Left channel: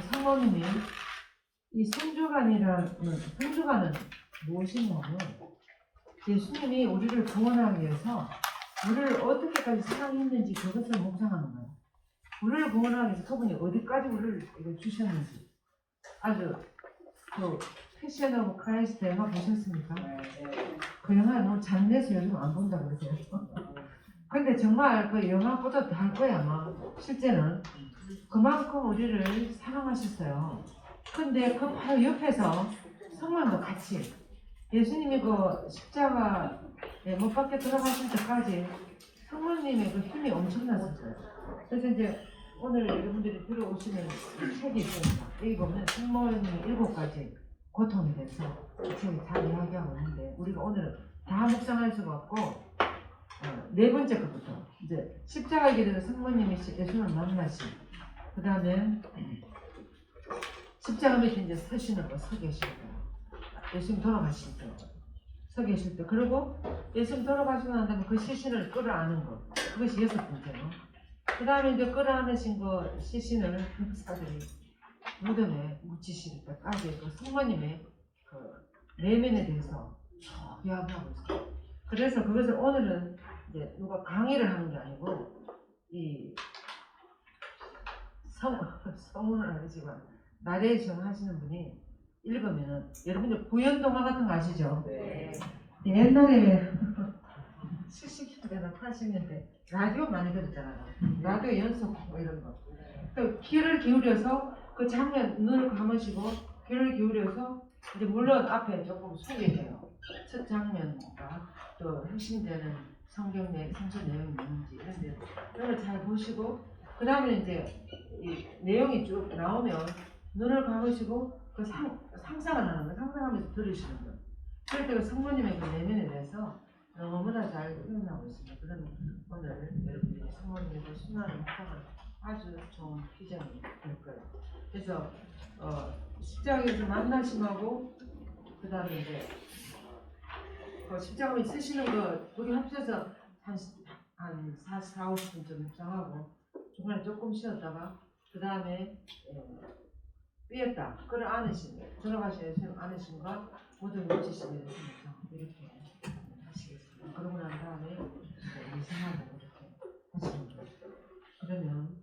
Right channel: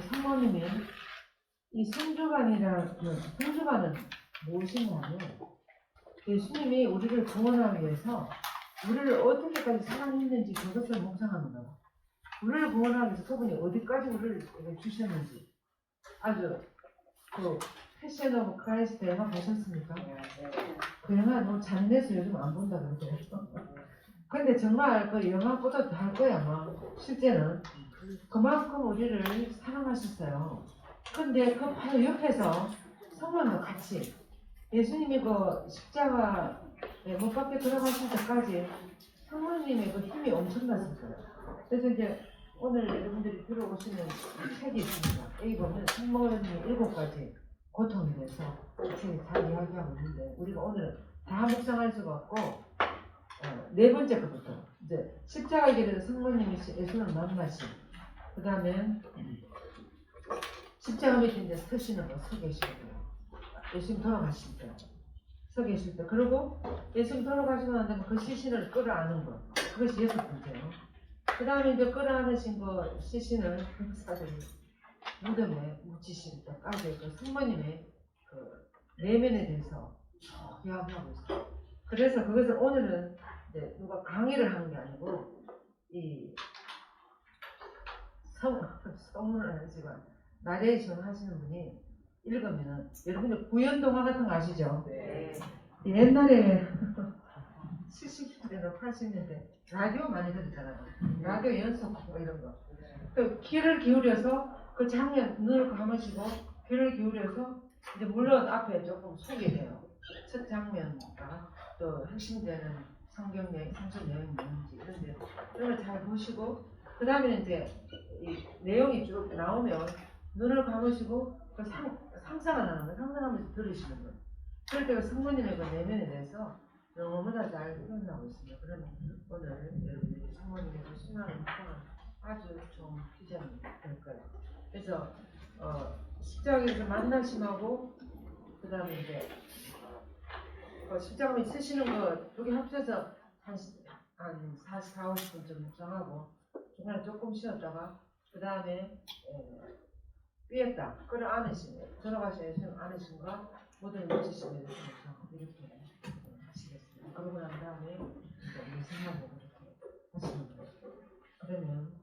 성모님이 이 성주간은 무엇이냐면 예수님이 우리를 구원하기 위해서 우리를 어떻게까지 사랑했는지 그것을 묵상하는 거예요. 우리를 구원하기 위해서 그분이 어디까지 우리를 주셨는지. 아주 그 패션 오브 크라이스트 영화 보셨습니까? 그 영화 너무 잔인해서 요즘 안 본다고 그러더라고요. 근데 정말 그 영화보다 더 할 거야 아마. 실제는 그만큼 우리를 사랑하셨어요. 근데 그 바로 옆에서 성만도 같이 예수님이 그 십자가에 못 박혀 들어가실 때까지 성모님의 그 힘이 엄청났을 거예요. 그래서 이제 오늘 여러분들이 들어오시는 이 책이 있습니다. 여기 보면 성모님이 7가지 고통에 대해서 이 책이 다 이야기하고 있는데 우리가 오늘 다 묵상할 수가 없고 네 번째 것부터 이제 십자가에 기대서 성모님이 예수를 만나시 그 다음에 십자가 밑에 이제 서시는 거 서 계실 때 예수님 돌아가실 때 서 계실 때 그리고 예수님 돌아가시고 난 다음에 그 시신을 끌어안는 거 그것이 6번째예요. 그 다음에 이제 끌어안으신 그 시신을 백사들이 무덤에 묻히실 때까지 그 성모님의 그 내면에 대해서 이야기하고 있어요. 그래서 그것을 오늘은 이제 누가 강의를 하는 게 아니고 이 성문을 아니지만 나레이션 하시는 분이 읽으면은 여러분들 구연동화 같은 거 아시죠? 네. 옛날에 70년대 80년대 라디오 많이 들었잖아요. 라디오 연속 뭐 이런 거. 그 귀를 기울여서 그 장면 눈을 감으시고 귀를 기울여서 이제 물론 앞에 조금 소개해요. 첫 장면과 또 핵심되는 성경 내용이 뭔지 이런데 이걸 잘 보시고 그 다음에 이제 이 내용이 쭉 나오면 눈을 감으시고 그 상상을 하는 거예요. 상상하면서 들으시는 거예요. 그럴 때 그 성모님의 그 내면에 대해서 너무나 잘 표현하고 있습니다. 그러면 오늘 여러분들이 성모님의 그 순환의 묵상을 아주 좋은 비전이 될 거예요. 그래서 십자가에서 만나심하고 그 다음에 이제 십자가에 쓰시는 거 두 개 합쳐서 한 40, 50분쯤 묵상하고 중간에 조금 쉬었다가 그 다음에 삐었다 끌어안으신 들어가셔야 예수님 안으신가 모든 묻히시는 예수님 이렇게 하시겠습니다. 그러고 난 다음에 묵상하고 이렇게 하시면 돼요. 그러면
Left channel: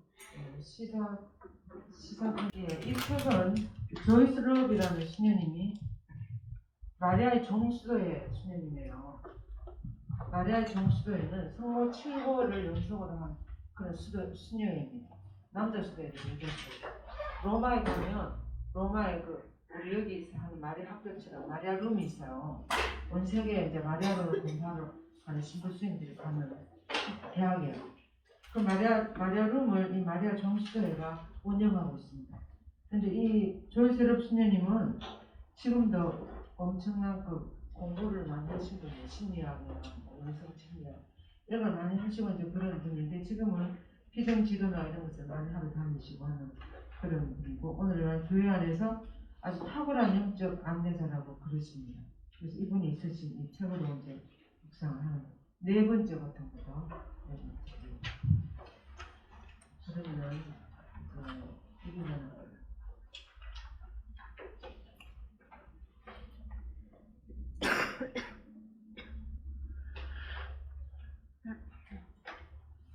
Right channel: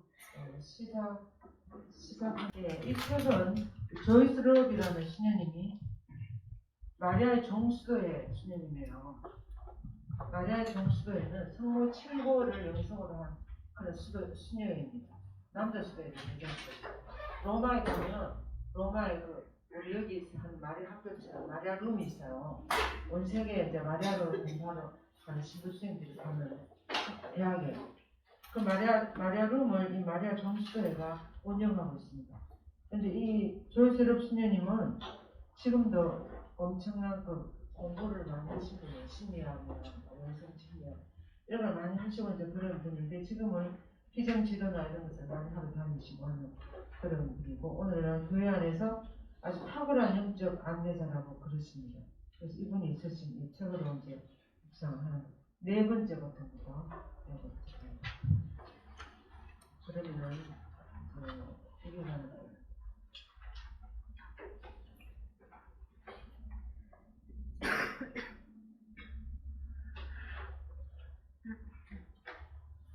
이 책은 조이스 럽이라는 수녀님이 마리아의 종수도의 수녀님이에요. 마리아의 종수도에는 성모 7구를 영성으로 한 그런 수녀입니다. 남자 수도예요. 여자 수도. 로마에 가면 로마에 우리 여기 한 마리아 학교처럼 마리아 룸이 있어요. 온 세계에 이제 마리아로 공부하러 가는 신부수님들이 가는 대학이에요. 그 마리아 룸을 이 마리아 종수도회가 운영하고 있습니다. 근데 이 조이스 럽 수녀님은 지금도 엄청난 그 공부를 많이 하시고 심리학이나 영성 심리학 이런 걸 많이 하시고 이제 그런 분인데 지금은 희생 지도나 이런 것을 많이 하고 다니시고 하는 그런 분이고 오늘날 교회 안에서 아주 탁월한 영적 안내자라고 그러십니다. 그래서 이분이 있으신 이 책으로 이제 묵상을 하는 네 번째 것부터 네 번째. 그러면은 이게 하는 거예요.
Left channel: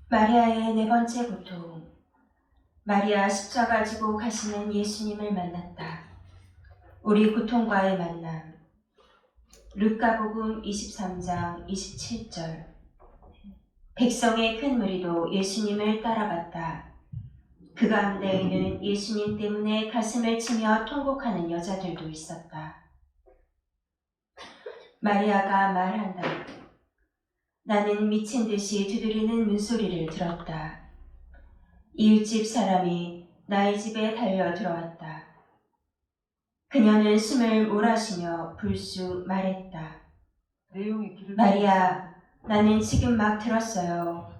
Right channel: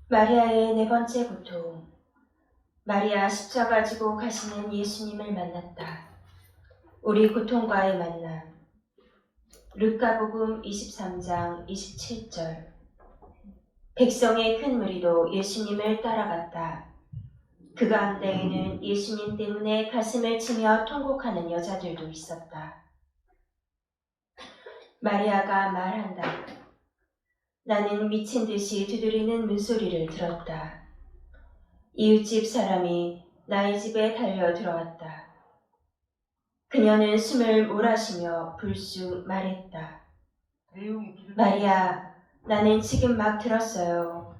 마리아의 네 번째 고통. 마리아 십자가 지고 가시는 예수님을 만났다. 우리 고통과의 만남. 루카복음 23장 27절. 백성의 큰 무리도 예수님을 따라갔다. 그 가운데에는 예수님 때문에 가슴을 치며 통곡하는 여자들도 있었다. 마리아가 말한다. 나는 미친 듯이 두드리는 문소리를 들었다. 이웃집 사람이 나의 집에 달려 들어왔다. 그녀는 숨을 몰아쉬며 불쑥 말했다. 마리아, 나는 지금 막 들었어요.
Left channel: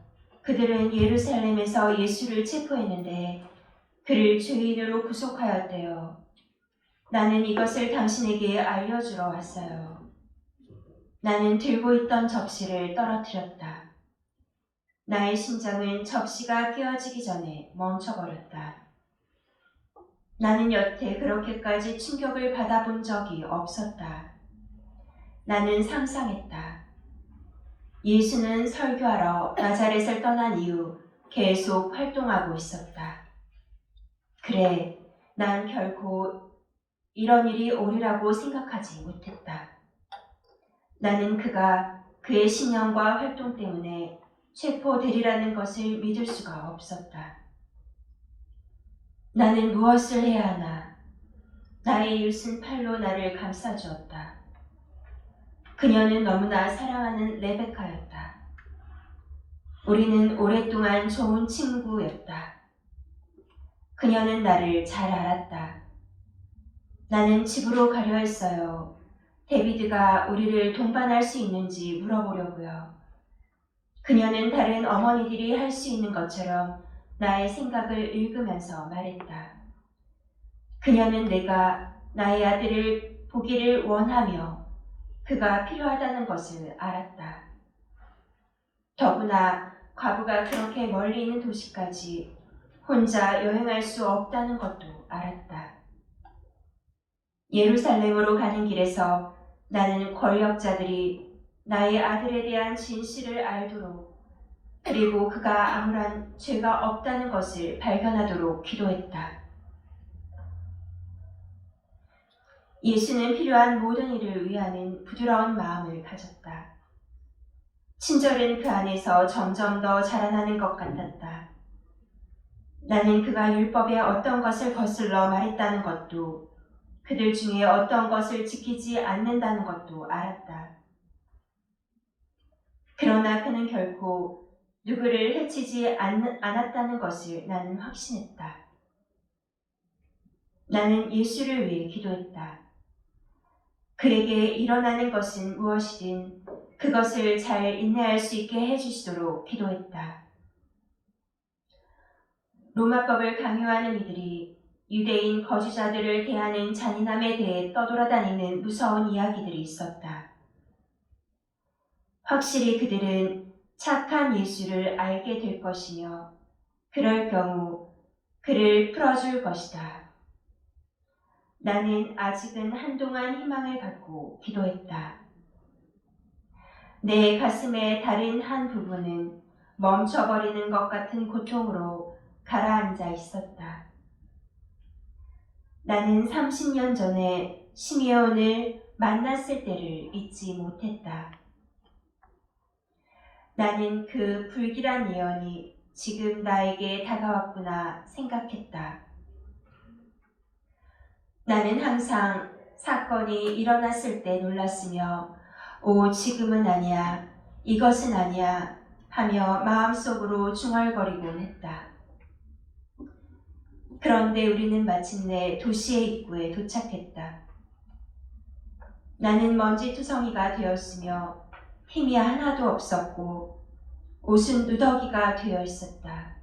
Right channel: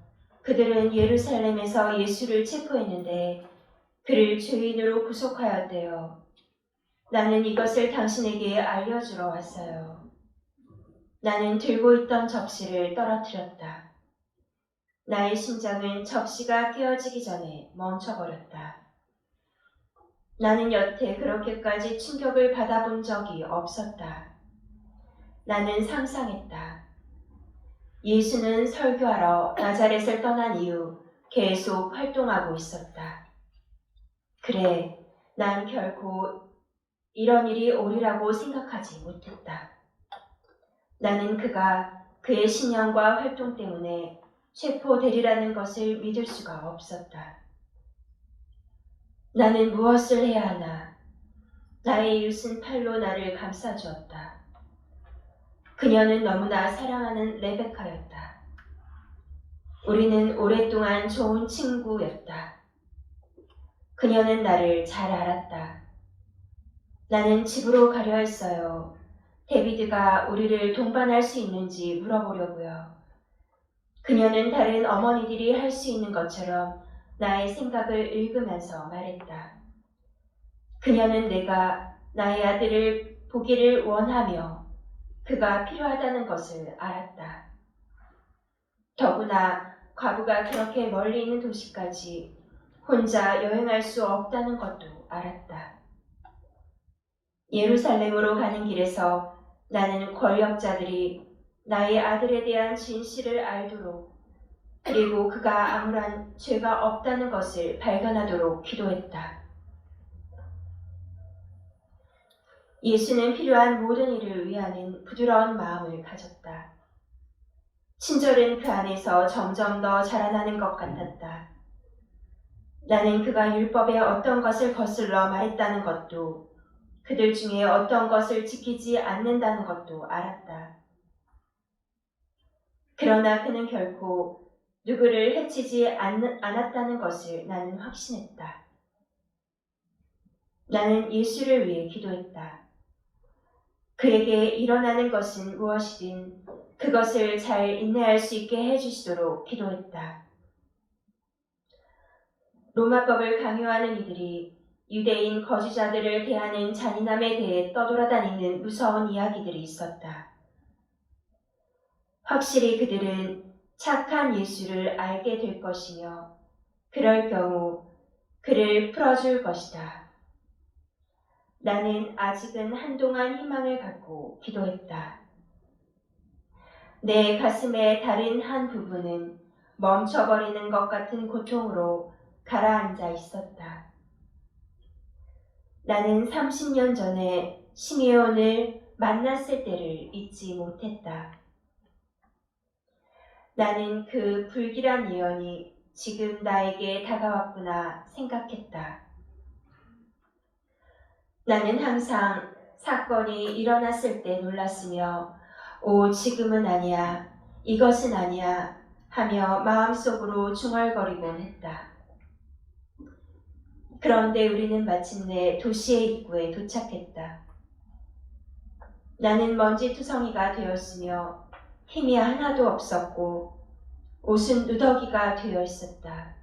그들은 예루살렘에서 예수를 체포했는데 그를 죄인으로 구속하였대요. 나는 이것을 당신에게 알려주러 왔어요. 나는 들고 있던 접시를 떨어뜨렸다. 나의 심장은 접시가 깨어지기 전에 멈춰버렸다. 나는 여태 그렇게까지 충격을 받아본 적이 없었다. 나는 상상했다. 예수는 설교하러 나자렛을 떠난 이후 계속 활동하고 있었다. 그래, 난 결코 이런 일이 오리라고 생각하지 못했다. 나는 그가 그의 신념과 활동 때문에 체포되리라는 것을 믿을 수가 없었다. 나는 무엇을 해야 하나? 나의 이웃은 팔로 나를 감싸주었다. 그녀는 너무나 사랑하는 레베카였다. 우리는 오랫동안 좋은 친구였다. 그녀는 나를 잘 알았다. 나는 집으로 가려 했어요. 데비드가 우리를 동반할 수 있는지 물어보려고요. 그녀는 다른 어머니들이 할 수 있는 것처럼 나의 생각을 읽으면서 말했다. 그녀는 내가 나의 아들을 보기를 원하며 그가 필요하다는 것을 알았다. 더구나 과부가 그렇게 멀리 있는 도시까지 혼자 여행할 수 없다는 것도 알았다. 예루살렘으로 가는 길에서 나는 권력자들이 나의 아들에 대한 진실을 알도록 그리고 그가 아무런 죄가 없다는 것을 발견하도록 기도했다. 예수는 필요한 모든 일을 위하는 부드러운 마음을 가졌다. 친절은 그 안에서 점점 더 자라나는 것 같았다. 나는 그가 율법의 어떤 것을 거슬러 말했다는 것도 그들 중에 어떤 것을 지키지 않는다는 것도 알았다. 그러나 그는 결코 누구를 해치지 않았다는 것을 나는 확신했다. 나는 예수를 위해 기도했다. 그에게 일어나는 것은 무엇이든 그것을 잘 인내할 수 있게 해주시도록 기도했다. 로마법을 강요하는 이들이 유대인 거주자들을 대하는 잔인함에 대해 떠돌아다니는 무서운 이야기들이 있었다. 확실히 그들은 착한 예수를 알게 될 것이며 그럴 경우 그를 풀어줄 것이다. 나는 아직은 한동안 희망을 갖고 기도했다. 내 가슴의 다른 한 부분은 멈춰버리는 것 같은 고통으로 가라앉아 있었다. 나는 30년 전에 시메온을 만났을 때를 잊지 못했다. 나는 그 불길한 예언이 지금 나에게 다가왔구나 생각했다. 나는 항상 사건이 일어났을 때 놀랐으며 오, 지금은 아니야, 이것은 아니야 하며 마음속으로 중얼거리곤 했다. 그런데 우리는 마침내 도시의 입구에 도착했다. 나는 먼지투성이가 되었으며 힘이 하나도 없었고 옷은 누더기가 되어 있었다.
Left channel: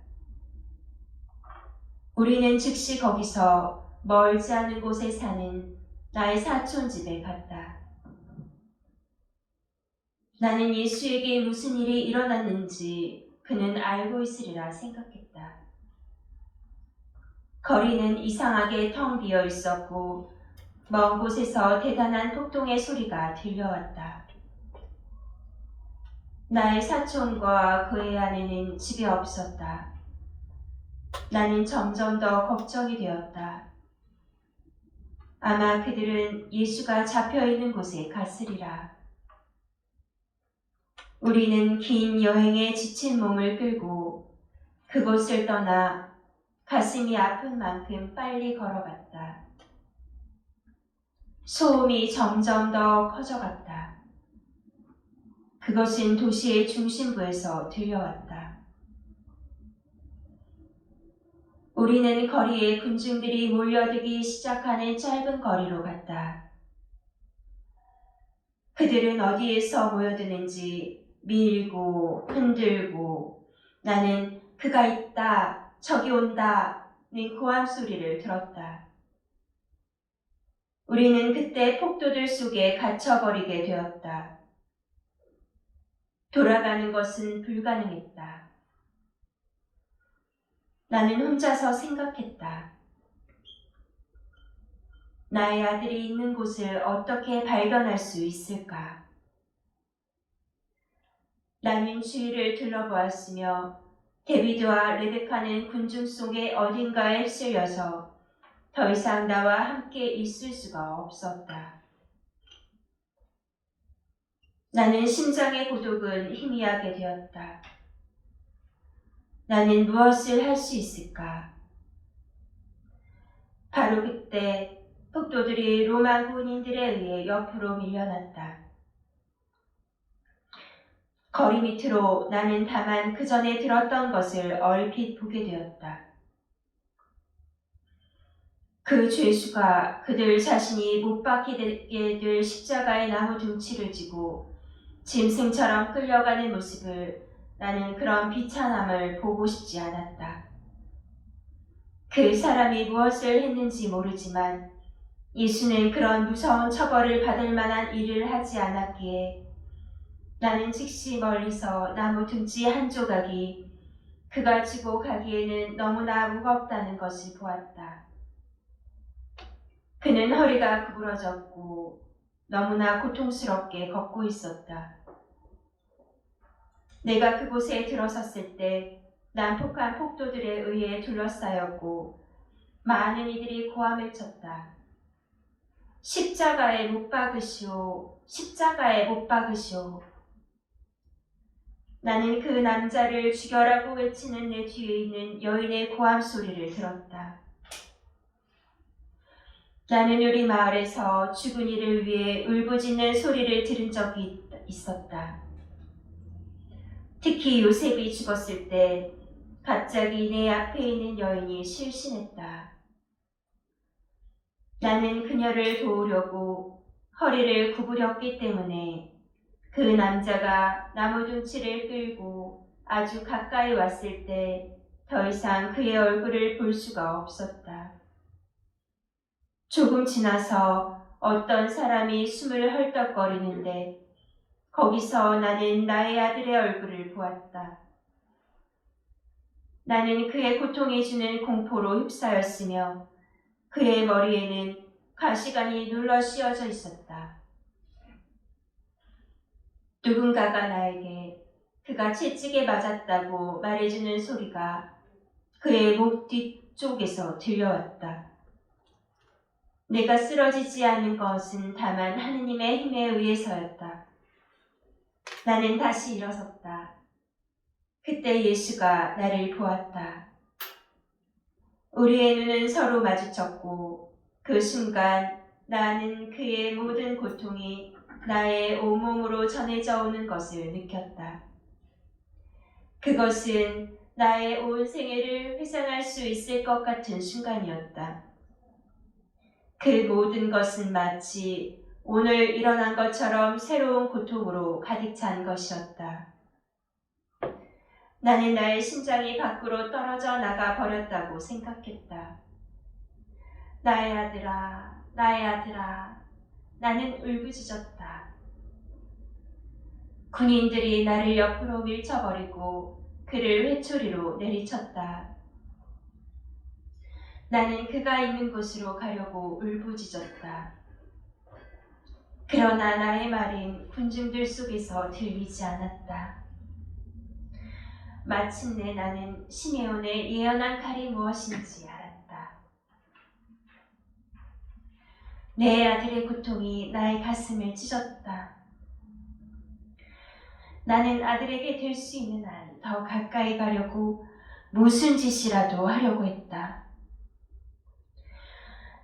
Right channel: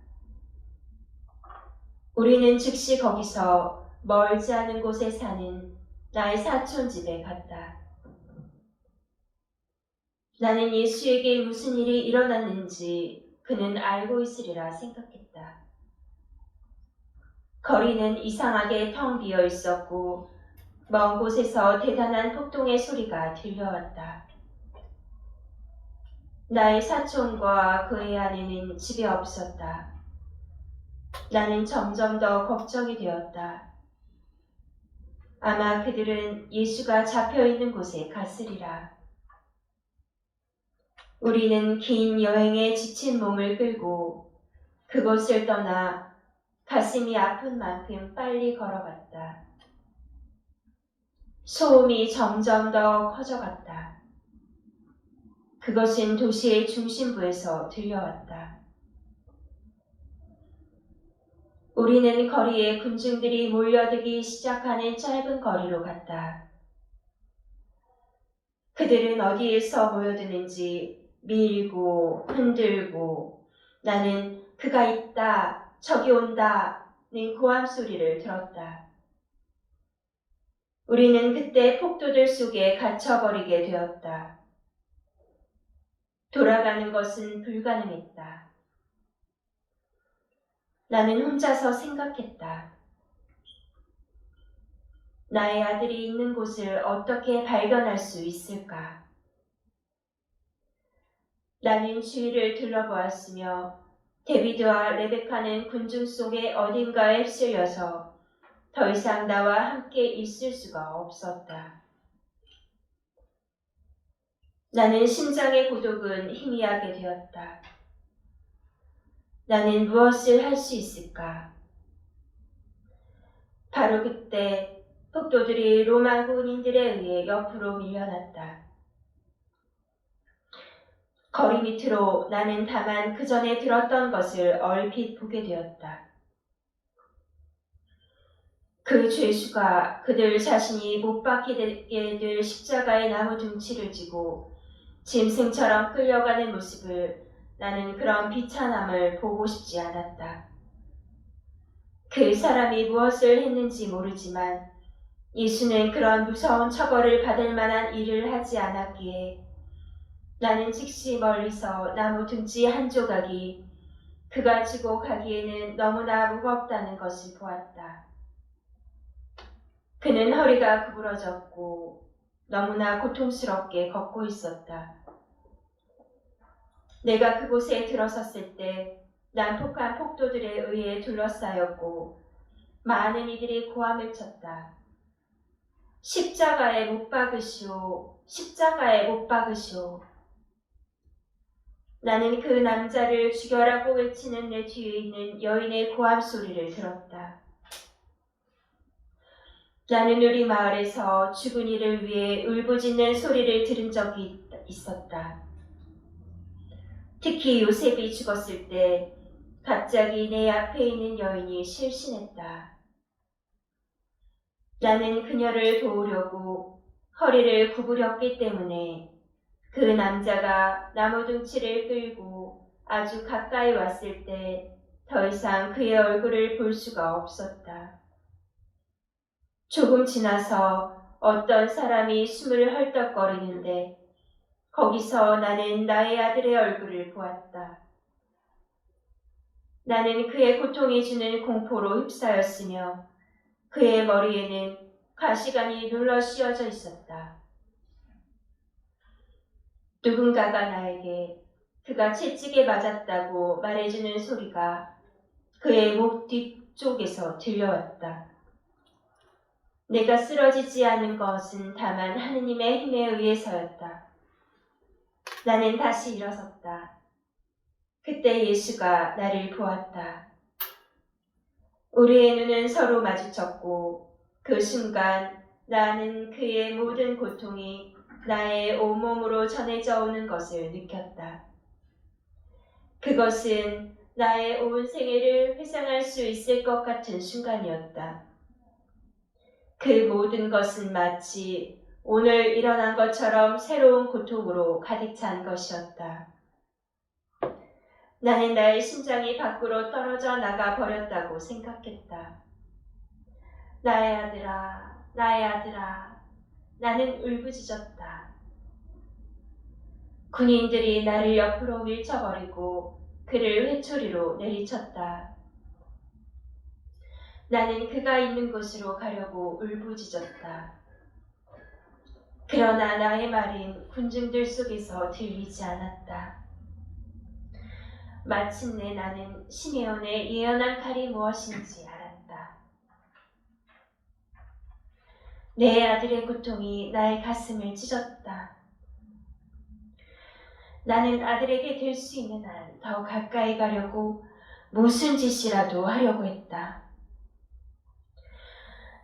우리는 즉시 거기서 멀지 않은 곳에 사는 나의 사촌 집에 갔다. 나는 예수에게 무슨 일이 일어났는지 그는 알고 있으리라 생각했다. 거리는 이상하게 텅 비어 있었고 먼 곳에서 대단한 폭동의 소리가 들려왔다. 나의 사촌과 그의 아내는 집에 없었다. 나는 점점 더 걱정이 되었다. 아마 그들은 예수가 잡혀있는 곳에 갔으리라. 우리는 긴 여행에 지친 몸을 끌고 그곳을 떠나 가슴이 아픈 만큼 빨리 걸어갔다. 소음이 점점 더 커져갔다. 그것은 도시의 중심부에서 들려왔다. 우리는 거리에 군중들이 몰려들기 시작하는 짧은 거리로 갔다. 그들은 어디에서 모여드는지 밀고 흔들고 나는 그가 있다, 저기 온다는 고함 소리를 들었다. 우리는 그때 폭도들 속에 갇혀버리게 되었다. 돌아가는 것은 불가능했다. 나는 혼자서 생각했다. 나의 아들이 있는 곳을 어떻게 발견할 수 있을까? 나는 주위를 둘러보았으며 데비드와 레베카는 군중 속의 어딘가에 휩쓸려서 더 이상 나와 함께 있을 수가 없었다. 나는 심장의 고독은 희미하게 되었다. 나는 무엇을 할 수 있을까? 바로 그때 폭도들이 로마 군인들에 의해 옆으로 밀려났다. 거리 밑으로 나는 다만 그 전에 들었던 것을 얼핏 보게 되었다. 그 죄수가 그들 자신이 못 박히게 될 십자가의 나무 둥치를 지고 짐승처럼 끌려가는 모습을 나는 그런 비참함을 보고 싶지 않았다. 그 사람이 무엇을 했는지 모르지만 예수는 그런 무서운 처벌을 받을 만한 일을 하지 않았기에 나는 즉시 멀리서 나무 둥지 한 조각이 그가 지고 가기에는 너무나 무겁다는 것을 보았다. 그는 허리가 구부러졌고 너무나 고통스럽게 걷고 있었다. 내가 그곳에 들어섰을 때 난폭한 폭도들에 의해 둘러싸였고 많은 이들이 고함을 쳤다. 십자가에 못 박으시오. 십자가에 못 박으시오. 나는 그 남자를 죽여라고 외치는 내 뒤에 있는 여인의 고함 소리를 들었다. 나는 우리 마을에서 죽은 이를 위해 울부짖는 소리를 들은 적이 있었다. 특히 요셉이 죽었을 때 갑자기 내 앞에 있는 여인이 실신했다. 나는 그녀를 도우려고 허리를 구부렸기 때문에 그 남자가 나무 둥치를 끌고 아주 가까이 왔을 때 더 이상 그의 얼굴을 볼 수가 없었다. 조금 지나서 어떤 사람이 숨을 헐떡거리는데 거기서 나는 나의 아들의 얼굴을 보았다. 나는 그의 고통이 주는 공포로 휩싸였으며 그의 머리에는 가시관이 눌러 씌워져 있었다. 누군가가 나에게 그가 채찍에 맞았다고 말해주는 소리가 그의 목 뒤쪽에서 들려왔다. 내가 쓰러지지 않은 것은 다만 하느님의 힘에 의해서였다. 나는 다시 일어섰다. 그때 예수가 나를 보았다. 우리의 눈은 서로 마주쳤고 그 순간 나는 그의 모든 고통이 나의 온몸으로 전해져 오는 것을 느꼈다. 그것은 나의 온 생애를 회상할 수 있을 것 같은 순간이었다. 그 모든 것은 마치 오늘 일어난 것처럼 새로운 고통으로 가득 찬 것이었다. 나는 나의 심장이 밖으로 떨어져 나가 버렸다고 생각했다. 나의 아들아, 나의 아들아, 나는 울부짖었다. 군인들이 나를 옆으로 밀쳐버리고 그를 회초리로 내리쳤다. 나는 그가 있는 곳으로 가려고 울부짖었다. 그러나 나의 말은 군중들 속에서 들리지 않았다. 마침내 나는 시메온의 예언한 칼이 무엇인지 알았다. 내 아들의 고통이 나의 가슴을 찢었다. 나는 아들에게 될 수 있는 한 더 가까이 가려고 무슨 짓이라도 하려고 했다.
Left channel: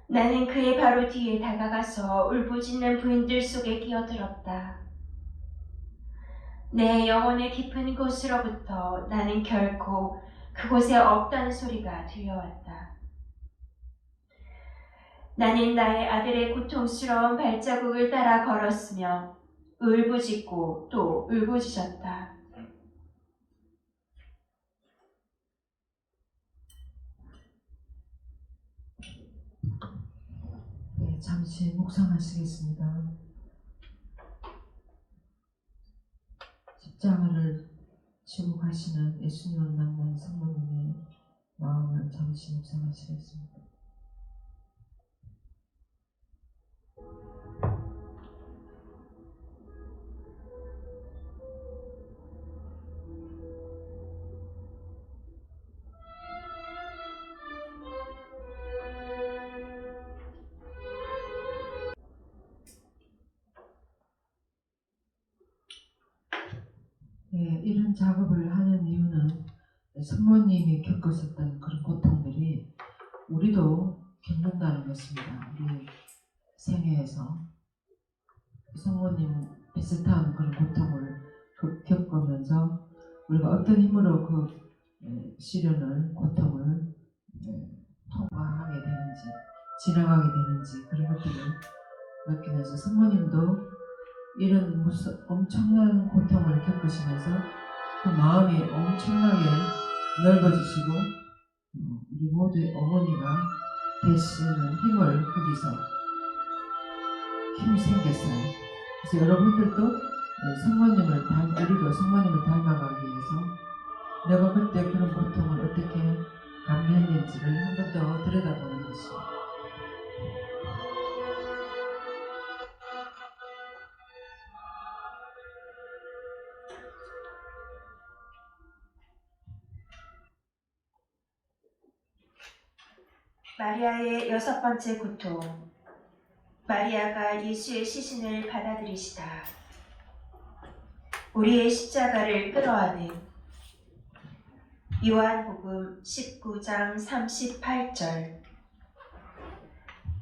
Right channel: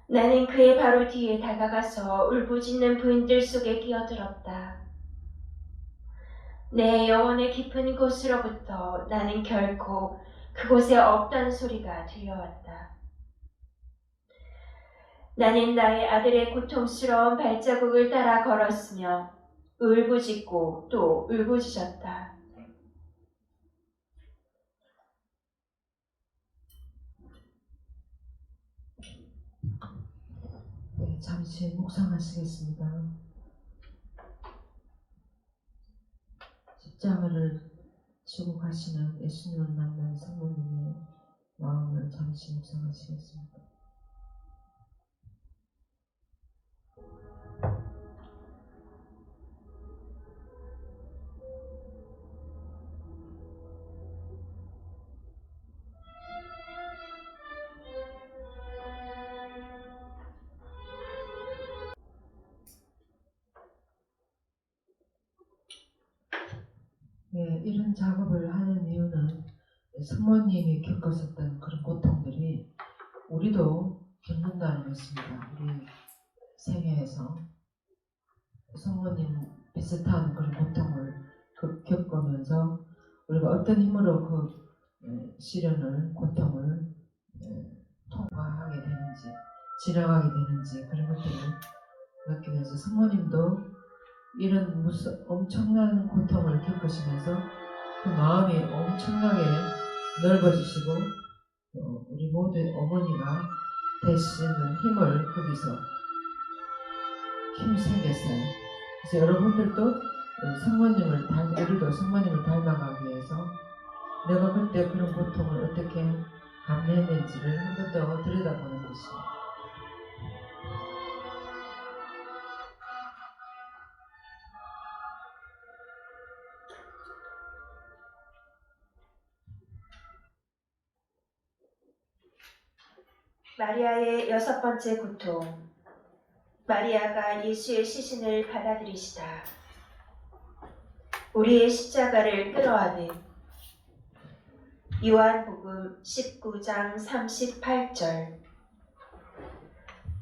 나는 그의 바로 뒤에 다가가서 울부짖는 부인들 속에 끼어들었다. 내 영혼의 깊은 곳으로부터 나는 결코 그곳에 없다는 소리가 들려왔다. 나는 나의 아들의 고통스러운 발자국을 따라 걸었으며 울부짖고 또 울부짖었다. 네, 잠시 묵상하시겠습니다. 십자가를 지고 가시는 예수님을 만난 성모님의 마음을 잠시 묵상하시겠습니다. 이런 작업을 하는 이유는 성모님이 겪었었던 그런 고통들이 우리도 겪는다는 것입니다. 우리 생애에서 성모님 비슷한 그런 고통을 겪으면서 우리가 어떤 힘으로 그 시련을, 고통을 통과하게 되는지, 지나가게 되는지 그런 것들을 느끼면서 성모님도 이런 엄청난 고통을 겪으시면서 그 마음이 엄청나게 넓어지시고 우리 모두의 어머니가 되시는 힘을 거기서 힘이 생겼어요. 그래서 여러분들도 우리도 성모님을 닮아가기 위해서 내가 그때 그런 고통을 어떻게 감내했는지를 한 번 더 들여다보는 것이죠. 마리아의 6번째 고통. 마리아가 예수의 시신을 받아들이시다. 우리의 십자가를 끌어안은. 요한복음 19장 38절.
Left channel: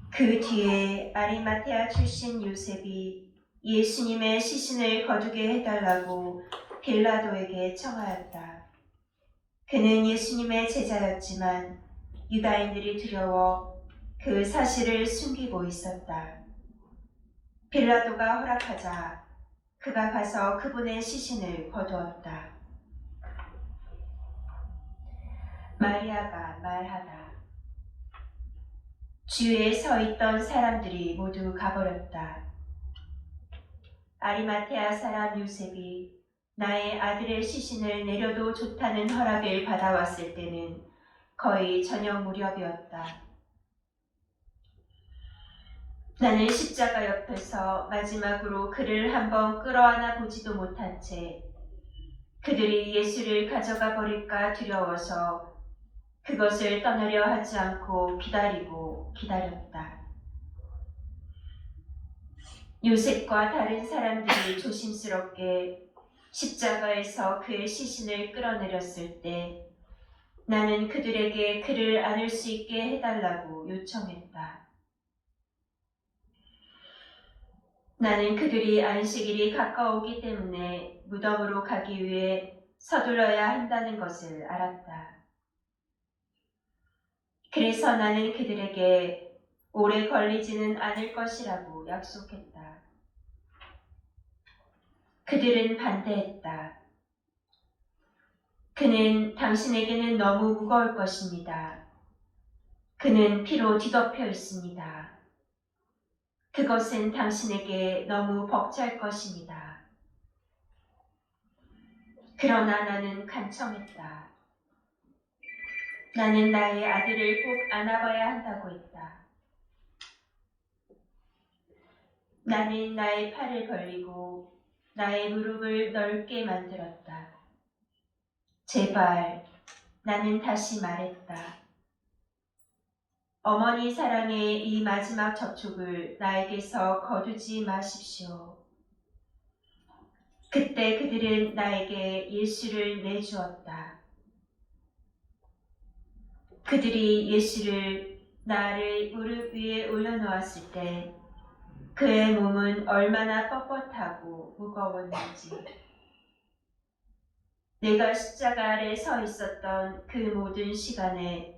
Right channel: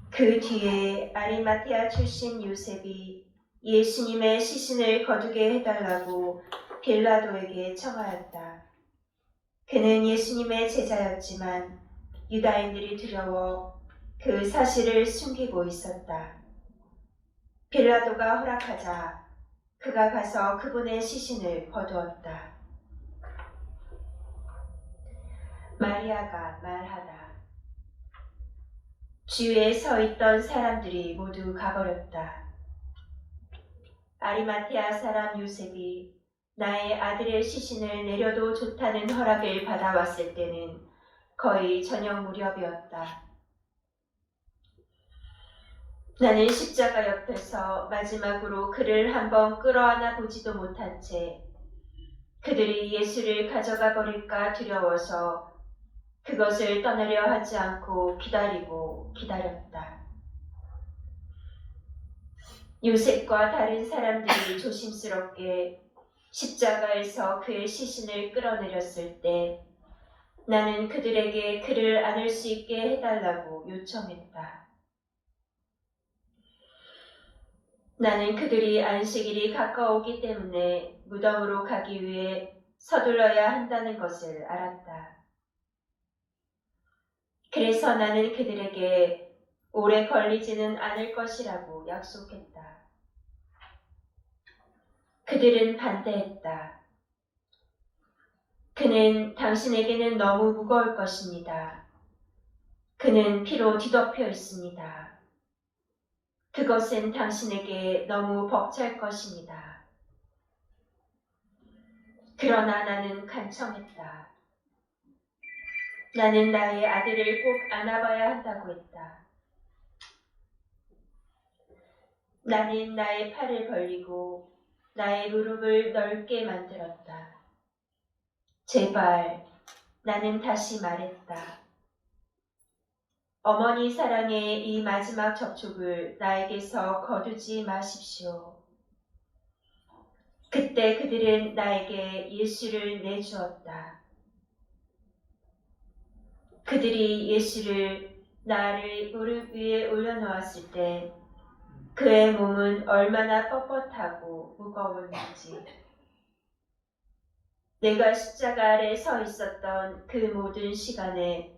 그 뒤에 아리마테아 출신 요셉이 예수님의 시신을 거두게 해달라고 빌라도에게 청하였다. 그는 예수님의 제자였지만 유다인들이 두려워 그 사실을 숨기고 있었다. 빌라도가 허락하자 그가 가서 그분의 시신을 거두었다. 마리아가 말하다. 주위에 서 있던 사람들이 모두 가버렸다. 아리마테아 사람 요셉이 나의 아들의 시신을 내려도 좋다는 허락을 받아왔을 때는 거의 저녁 무렵이었다. 나는 십자가 옆에서 마지막으로 그를 한번 끌어안아 보지도 못한 채 그들이 예수를 가져가 버릴까 두려워서 그것을 떠나려 하지 않고 기다렸다. 요셉과 다른 사람들이 조심스럽게 십자가에서 그의 시신을 끌어내렸을 때 나는 그들에게 그를 안을 수 있게 해달라고 요청했다. 나는 그들이 안식일이 가까웠기 때문에 무덤으로 가기 위해 서둘러야 한다는 것을 알았다. 그래서 나는 그들에게 오래 걸리지는 않을 것이라고 약속했다. 그들은 반대했다. 그는 당신에게는 너무 무거울 것입니다. 그는 피로 뒤덮여 있습니다. 그것은 당신에게 너무 벅찰 것입니다. 그러나 나는 간청했다. 나는 나의 아들을 꼭 안아봐야 한다고 했다. 나는 나의 팔을 벌리고 나의 무릎을 넓게 만들었다. 제발, 나는 다시 말했다. 어머니 사랑의 이 마지막 접촉을 나에게서 거두지 마십시오. 그때 그들은 나에게 예수를 내주었다. 그들이 예수를 나를 무릎 위에 올려놓았을 때 그의 몸은 얼마나 뻣뻣하고 무거웠는지. 내가 십자가 아래 서 있었던 그 모든 시간에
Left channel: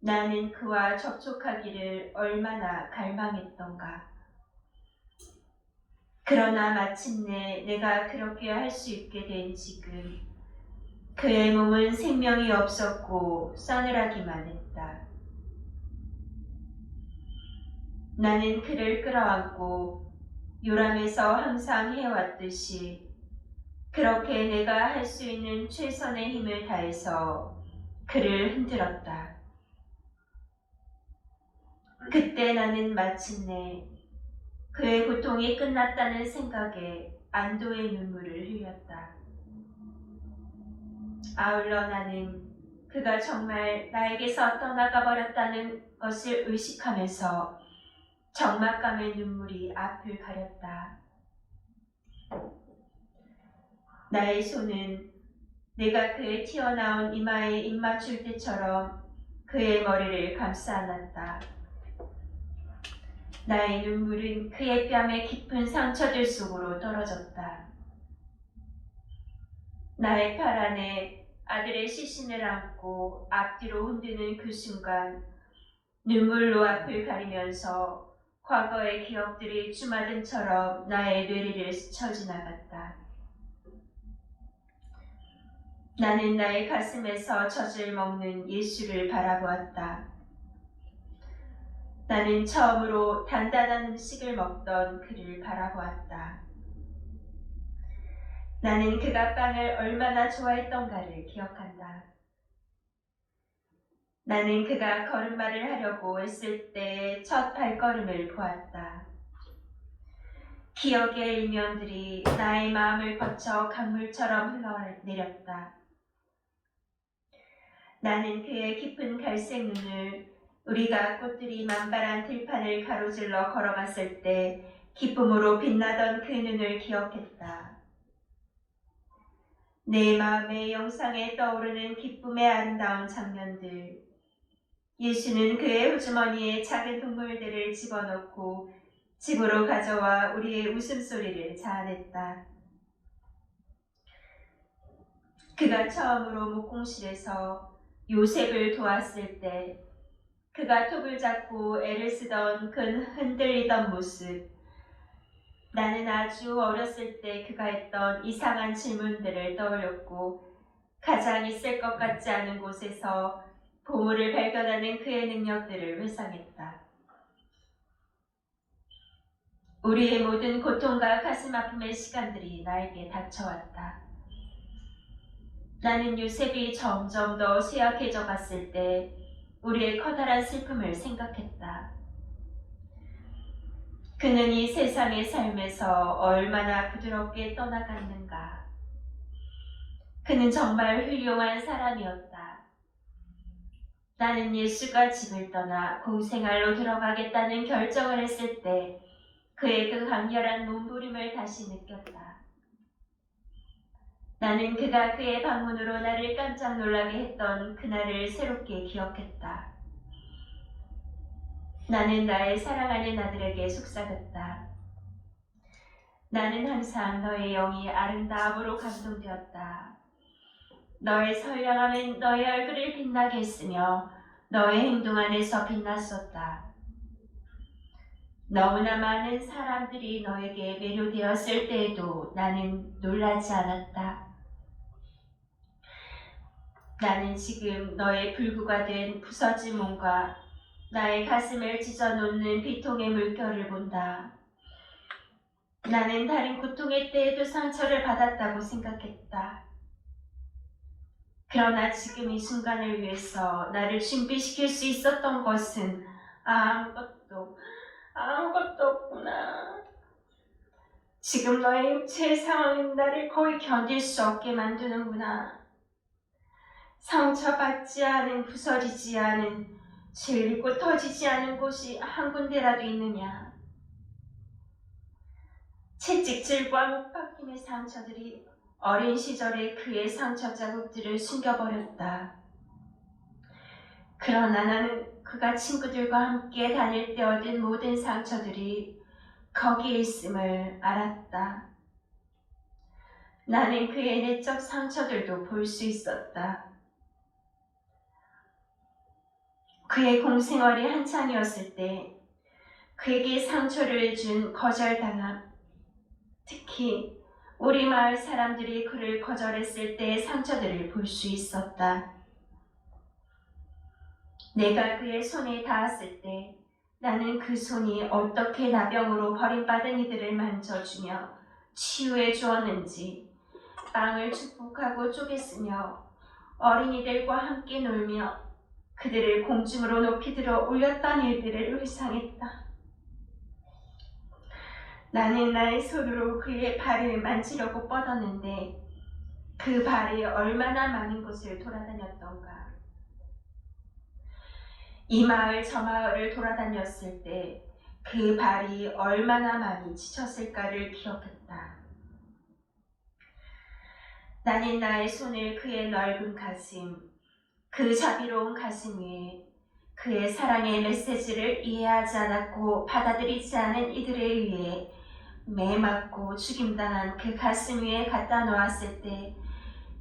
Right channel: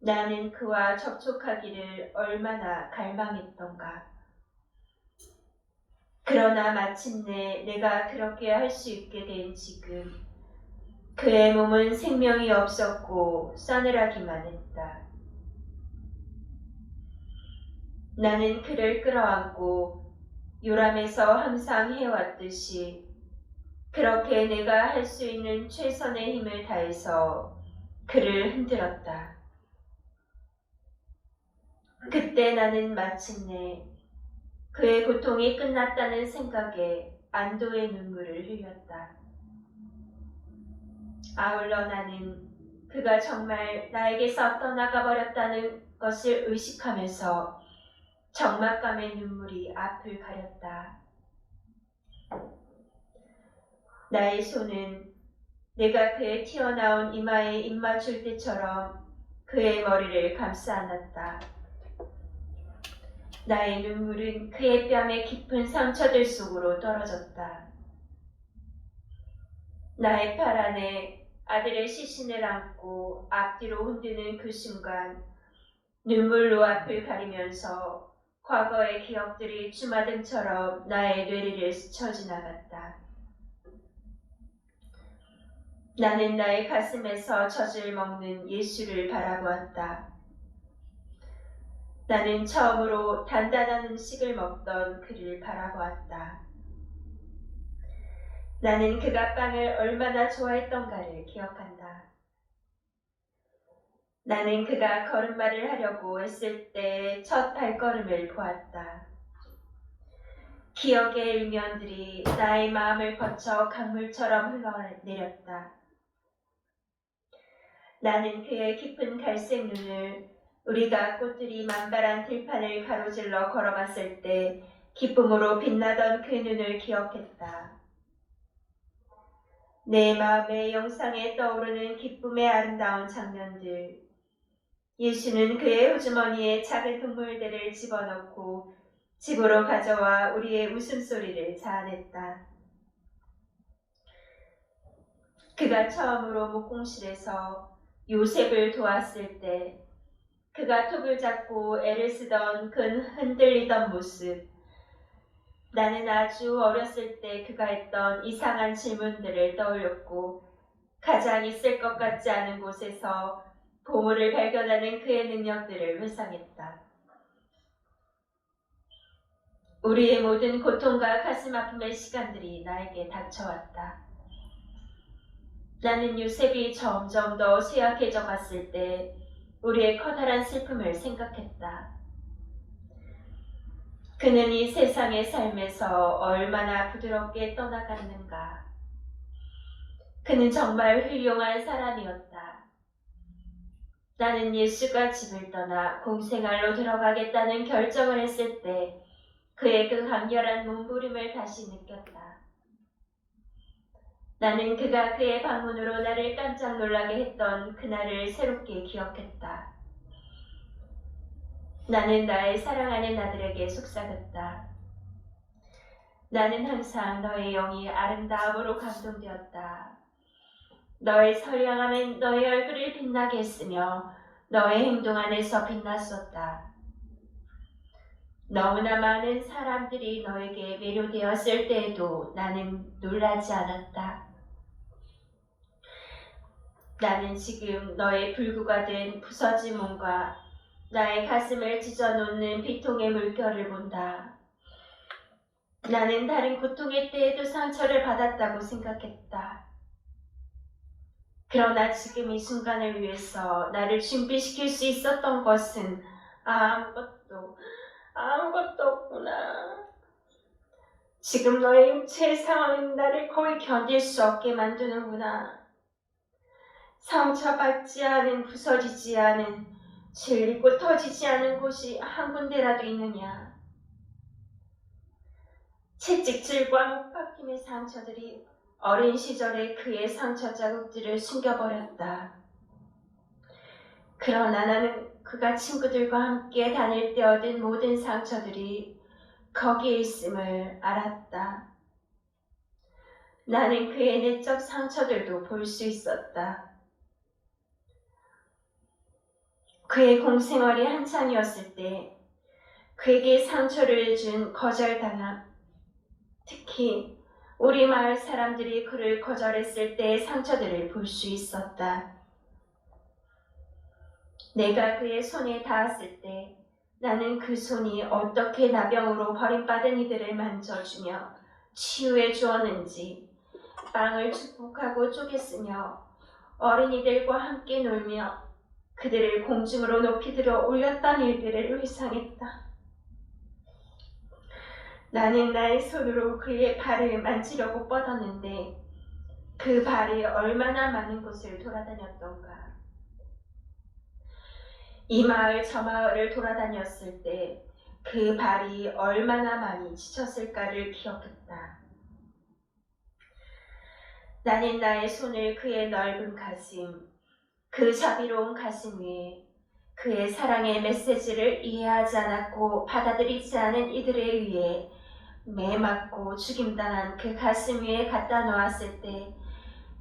나는 그와 접촉하기를 얼마나 갈망했던가. 그러나 마침내 내가 그렇게 할 수 있게 된 지금 그의 몸은 생명이 없었고 싸늘하기만 했다. 나는 그를 끌어안고 요람에서 항상 해왔듯이 그렇게 내가 할 수 있는 최선의 힘을 다해서 그를 흔들었다. 그때 나는 마침내 그의 고통이 끝났다는 생각에 안도의 눈물을 흘렸다. 아울러 나는 그가 정말 나에게서 떠나가 버렸다는 것을 의식하면서 적막감의 눈물이 앞을 가렸다. 나의 손은 내가 그의 튀어나온 이마에 입 맞출 때처럼 그의 머리를 감싸 안았다. 나의 눈물은 그의 뺨에 깊은 상처들 속으로 떨어졌다. 나의 팔 안에 아들의 시신을 안고 앞뒤로 흔드는 그 순간 눈물로 앞을 가리면서 과거의 기억들이 주마등처럼 나의 뇌리를 스쳐 지나갔다. 나는 나의 가슴에서 젖을 먹는 예수를 바라보았다. 나는 처음으로 단단한 음식을 먹던 그를 바라보았다. 나는 그가 빵을 얼마나 좋아했던가를 기억한다. 나는 그가 걸음마를 하려고 했을 때 첫 발걸음을 보았다. 기억의 일면들이 나의 마음을 거쳐 강물처럼 흘러내렸다. 나는 그의 깊은 갈색 눈을 우리가 꽃들이 만발한 들판을 가로질러 걸어갔을 때 기쁨으로 빛나던 그 눈을 기억했다. 내 마음의 영상에 떠오르는 기쁨의 아름다운 장면들. 예수는 그의 호주머니에 작은 동물들을 집어넣고 집으로 가져와 우리의 웃음소리를 자아냈다. 그가 처음으로 목공실에서 요셉을 도왔을 때 그가 톱을 잡고 애를 쓰던 그 흔들리던 모습. 나는 아주 어렸을 때 그가 했던 이상한 질문들을 떠올렸고 가장 있을 것 같지 않은 곳에서 보물을 발견하는 그의 능력들을 회상했다. 우리의 모든 고통과 가슴 아픔의 시간들이 나에게 닥쳐왔다. 나는 요셉이 점점 더 쇠약해져 갔을 때 우리의 커다란 슬픔을 생각했다. 그는 이 세상의 삶에서 얼마나 부드럽게 떠나갔는가. 그는 정말 훌륭한 사람이었다. 나는 예수가 집을 떠나 공생활로 들어가겠다는 결정을 했을 때 그의 그 강렬한 몸부림을 다시 느꼈다. 나는 그가 그의 방문으로 나를 깜짝 놀라게 했던 그날을 새롭게 기억했다. 나는 나의 사랑하는 아들에게 속삭였다. 나는 항상 너의 영이 아름다움으로 감동되었다. 너의 선량함은 너의 얼굴을 빛나게 했으며 너의 행동 안에서 빛났었다. 너무나 많은 사람들이 너에게 매료되었을 때에도 나는 놀라지 않았다. 나는 지금 너의 불구가 된 부서진 몸과 나의 가슴을 찢어놓는 비통의 물결을 본다. 나는 다른 고통의 때에도 상처를 받았다고 생각했다. 그러나 지금 이 순간을 위해서 나를 준비시킬 수 있었던 것은 아무것도 없구나. 지금 너의 육체의 상황은 나를 거의 견딜 수 없게 만드는구나. 상처받지 않은, 부서지지 않은, 질리고 터지지 않은 곳이 한 군데라도 있느냐. 채찍질과 못박힘의 상처들이 어린 시절에 그의 상처 자국들을 숨겨버렸다. 그러나 나는 그가 친구들과 함께 다닐 때 얻은 모든 상처들이 거기에 있음을 알았다. 나는 그의 내적 상처들도 볼 수 있었다. 그의 공생활이 한창이었을 때 그에게 상처를 준 거절당함, 특히 우리 마을 사람들이 그를 거절했을 때의 상처들을 볼 수 있었다. 내가 그의 손에 닿았을 때 나는 그 손이 어떻게 나병으로 버림받은 이들을 만져주며 치유해 주었는지, 땅을 축복하고 쪼갰으며 어린이들과 함께 놀며 그들을 공중으로 높이 들어 올렸던 일들을 회상했다. 나는 나의 손으로 그의 발을 만지려고 뻗었는데 그 발이 얼마나 많은 곳을 돌아다녔던가. 이 마을 저 마을을 돌아다녔을 때 그 발이 얼마나 많이 지쳤을까를 기억했다. 나는 나의 손을 그의 넓은 가슴, 그 자비로운 가슴 위에 그의 사랑의 메시지를 이해하지 않았고 받아들이지 않은 이들에 의해 매맞고 죽임당한 그 가슴 위에 갖다 놓았을 때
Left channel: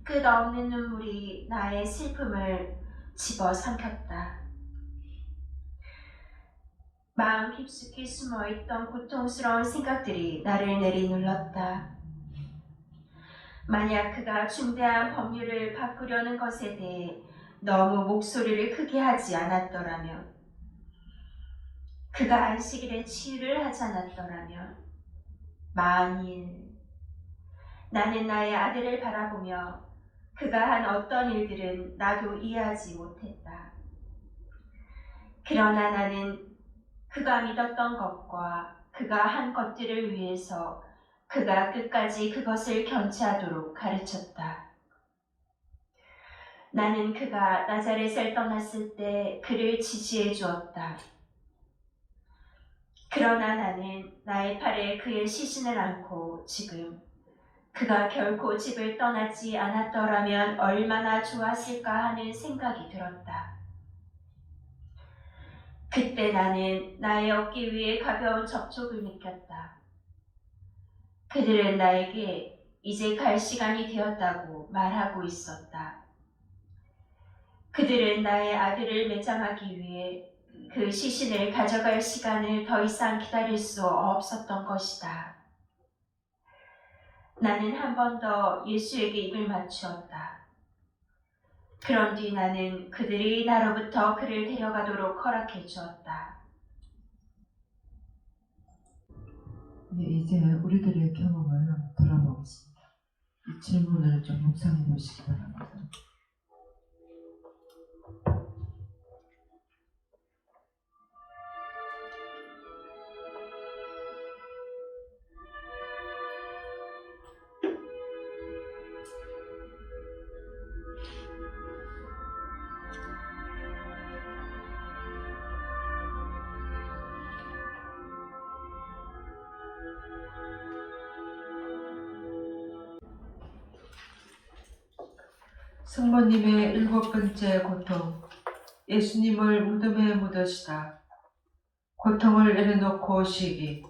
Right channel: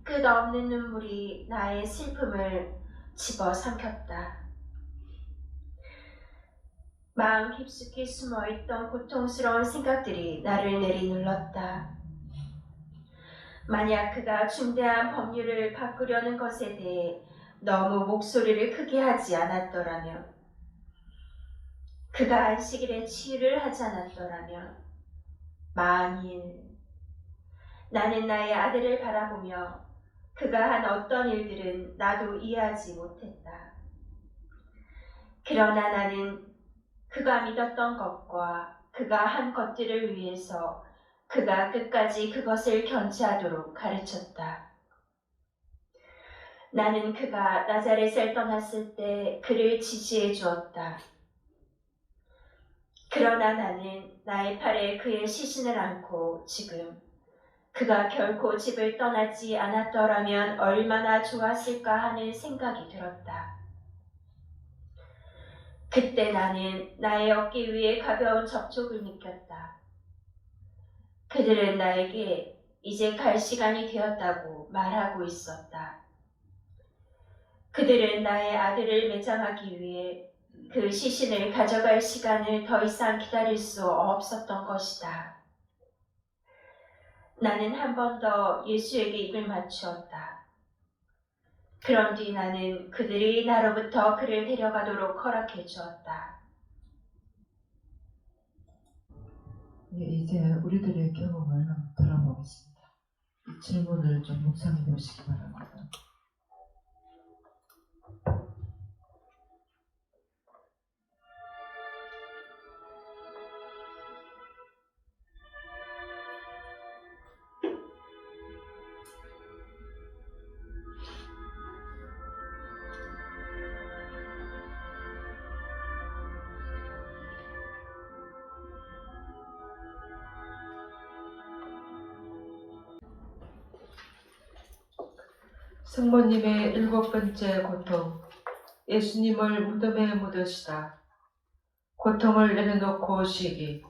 끝없는 눈물이 나의 슬픔을 집어삼켰다. 마음 깊숙이 숨어있던 고통스러운 생각들이 나를 내리눌렀다. 만약 그가 중대한 법률을 바꾸려는 것에 대해 너무 목소리를 크게 하지 않았더라면, 그가 안식일에 치유를 하지 않았더라면, 만일 나는 나의 아들을 바라보며 그가 한 어떤 일들은 나도 이해하지 못했다. 그러나 나는 그가 믿었던 것과 그가 한 것들을 위해서 그가 끝까지 그것을 견지하도록 가르쳤다. 나는 그가 나자렛을 떠났을 때 그를 지지해 주었다. 그러나 나는 나의 팔에 그의 시신을 안고 지금 그가 결코 집을 떠나지 않았더라면 얼마나 좋았을까 하는 생각이 들었다. 그때 나는 나의 어깨 위에 가벼운 접촉을 느꼈다. 그들은 나에게 이제 갈 시간이 되었다고 말하고 있었다. 그들은 나의 아들을 매장하기 위해 그 시신을 가져갈 시간을 더 이상 기다릴 수 없었던 것이다. 나는 한 번 더 예수에게 입을 맞추었다. 그런 뒤 나는 그들이 나로부터 그를 데려가도록 허락해 주었다. 네, 이제 우리들의 경험을 한번 돌아보겠습니다. 이 질문을 좀 묵상해 보시기 바랍니다. 성모님의 7번째 고통, 예수님을 무덤에 묻으시다. 고통을 내려놓고 쉬기.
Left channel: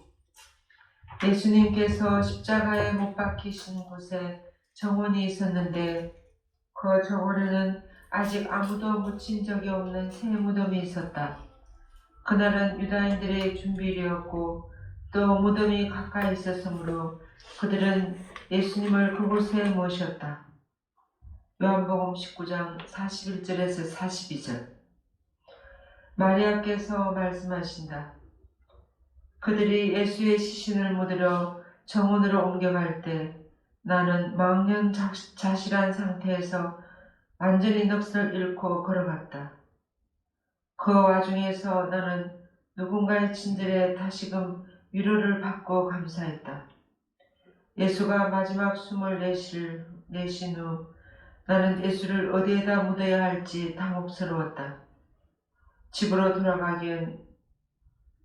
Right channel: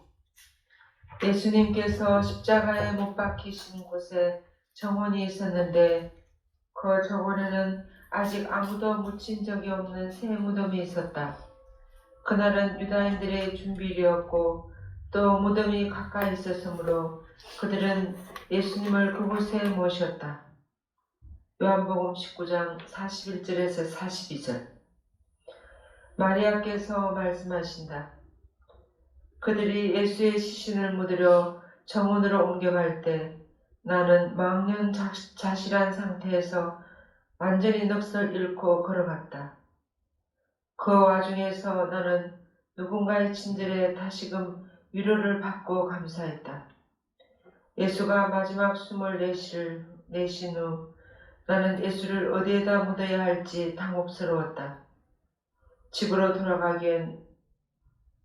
예수님께서 십자가에 못 박히신 곳에 정원이 있었는데 그 정원에는 아직 아무도 묻힌 적이 없는 새 무덤이 있었다. 그날은 유다인들의 준비일이었고 또 무덤이 가까이 있었으므로 그들은 예수님을 그곳에 모셨다. 요한복음 19장 41절에서 42절. 마리아께서 말씀하신다. 그들이 예수의 시신을 묻으러 정원으로 옮겨갈 때 나는 망연자실한 상태에서 완전히 넋을 잃고 걸어갔다. 그 와중에서 나는 누군가의 친절에 다시금 위로를 받고 감사했다. 예수가 마지막 숨을 내신 후 나는 예수를 어디에다 묻어야 할지 당혹스러웠다. 집으로 돌아가기엔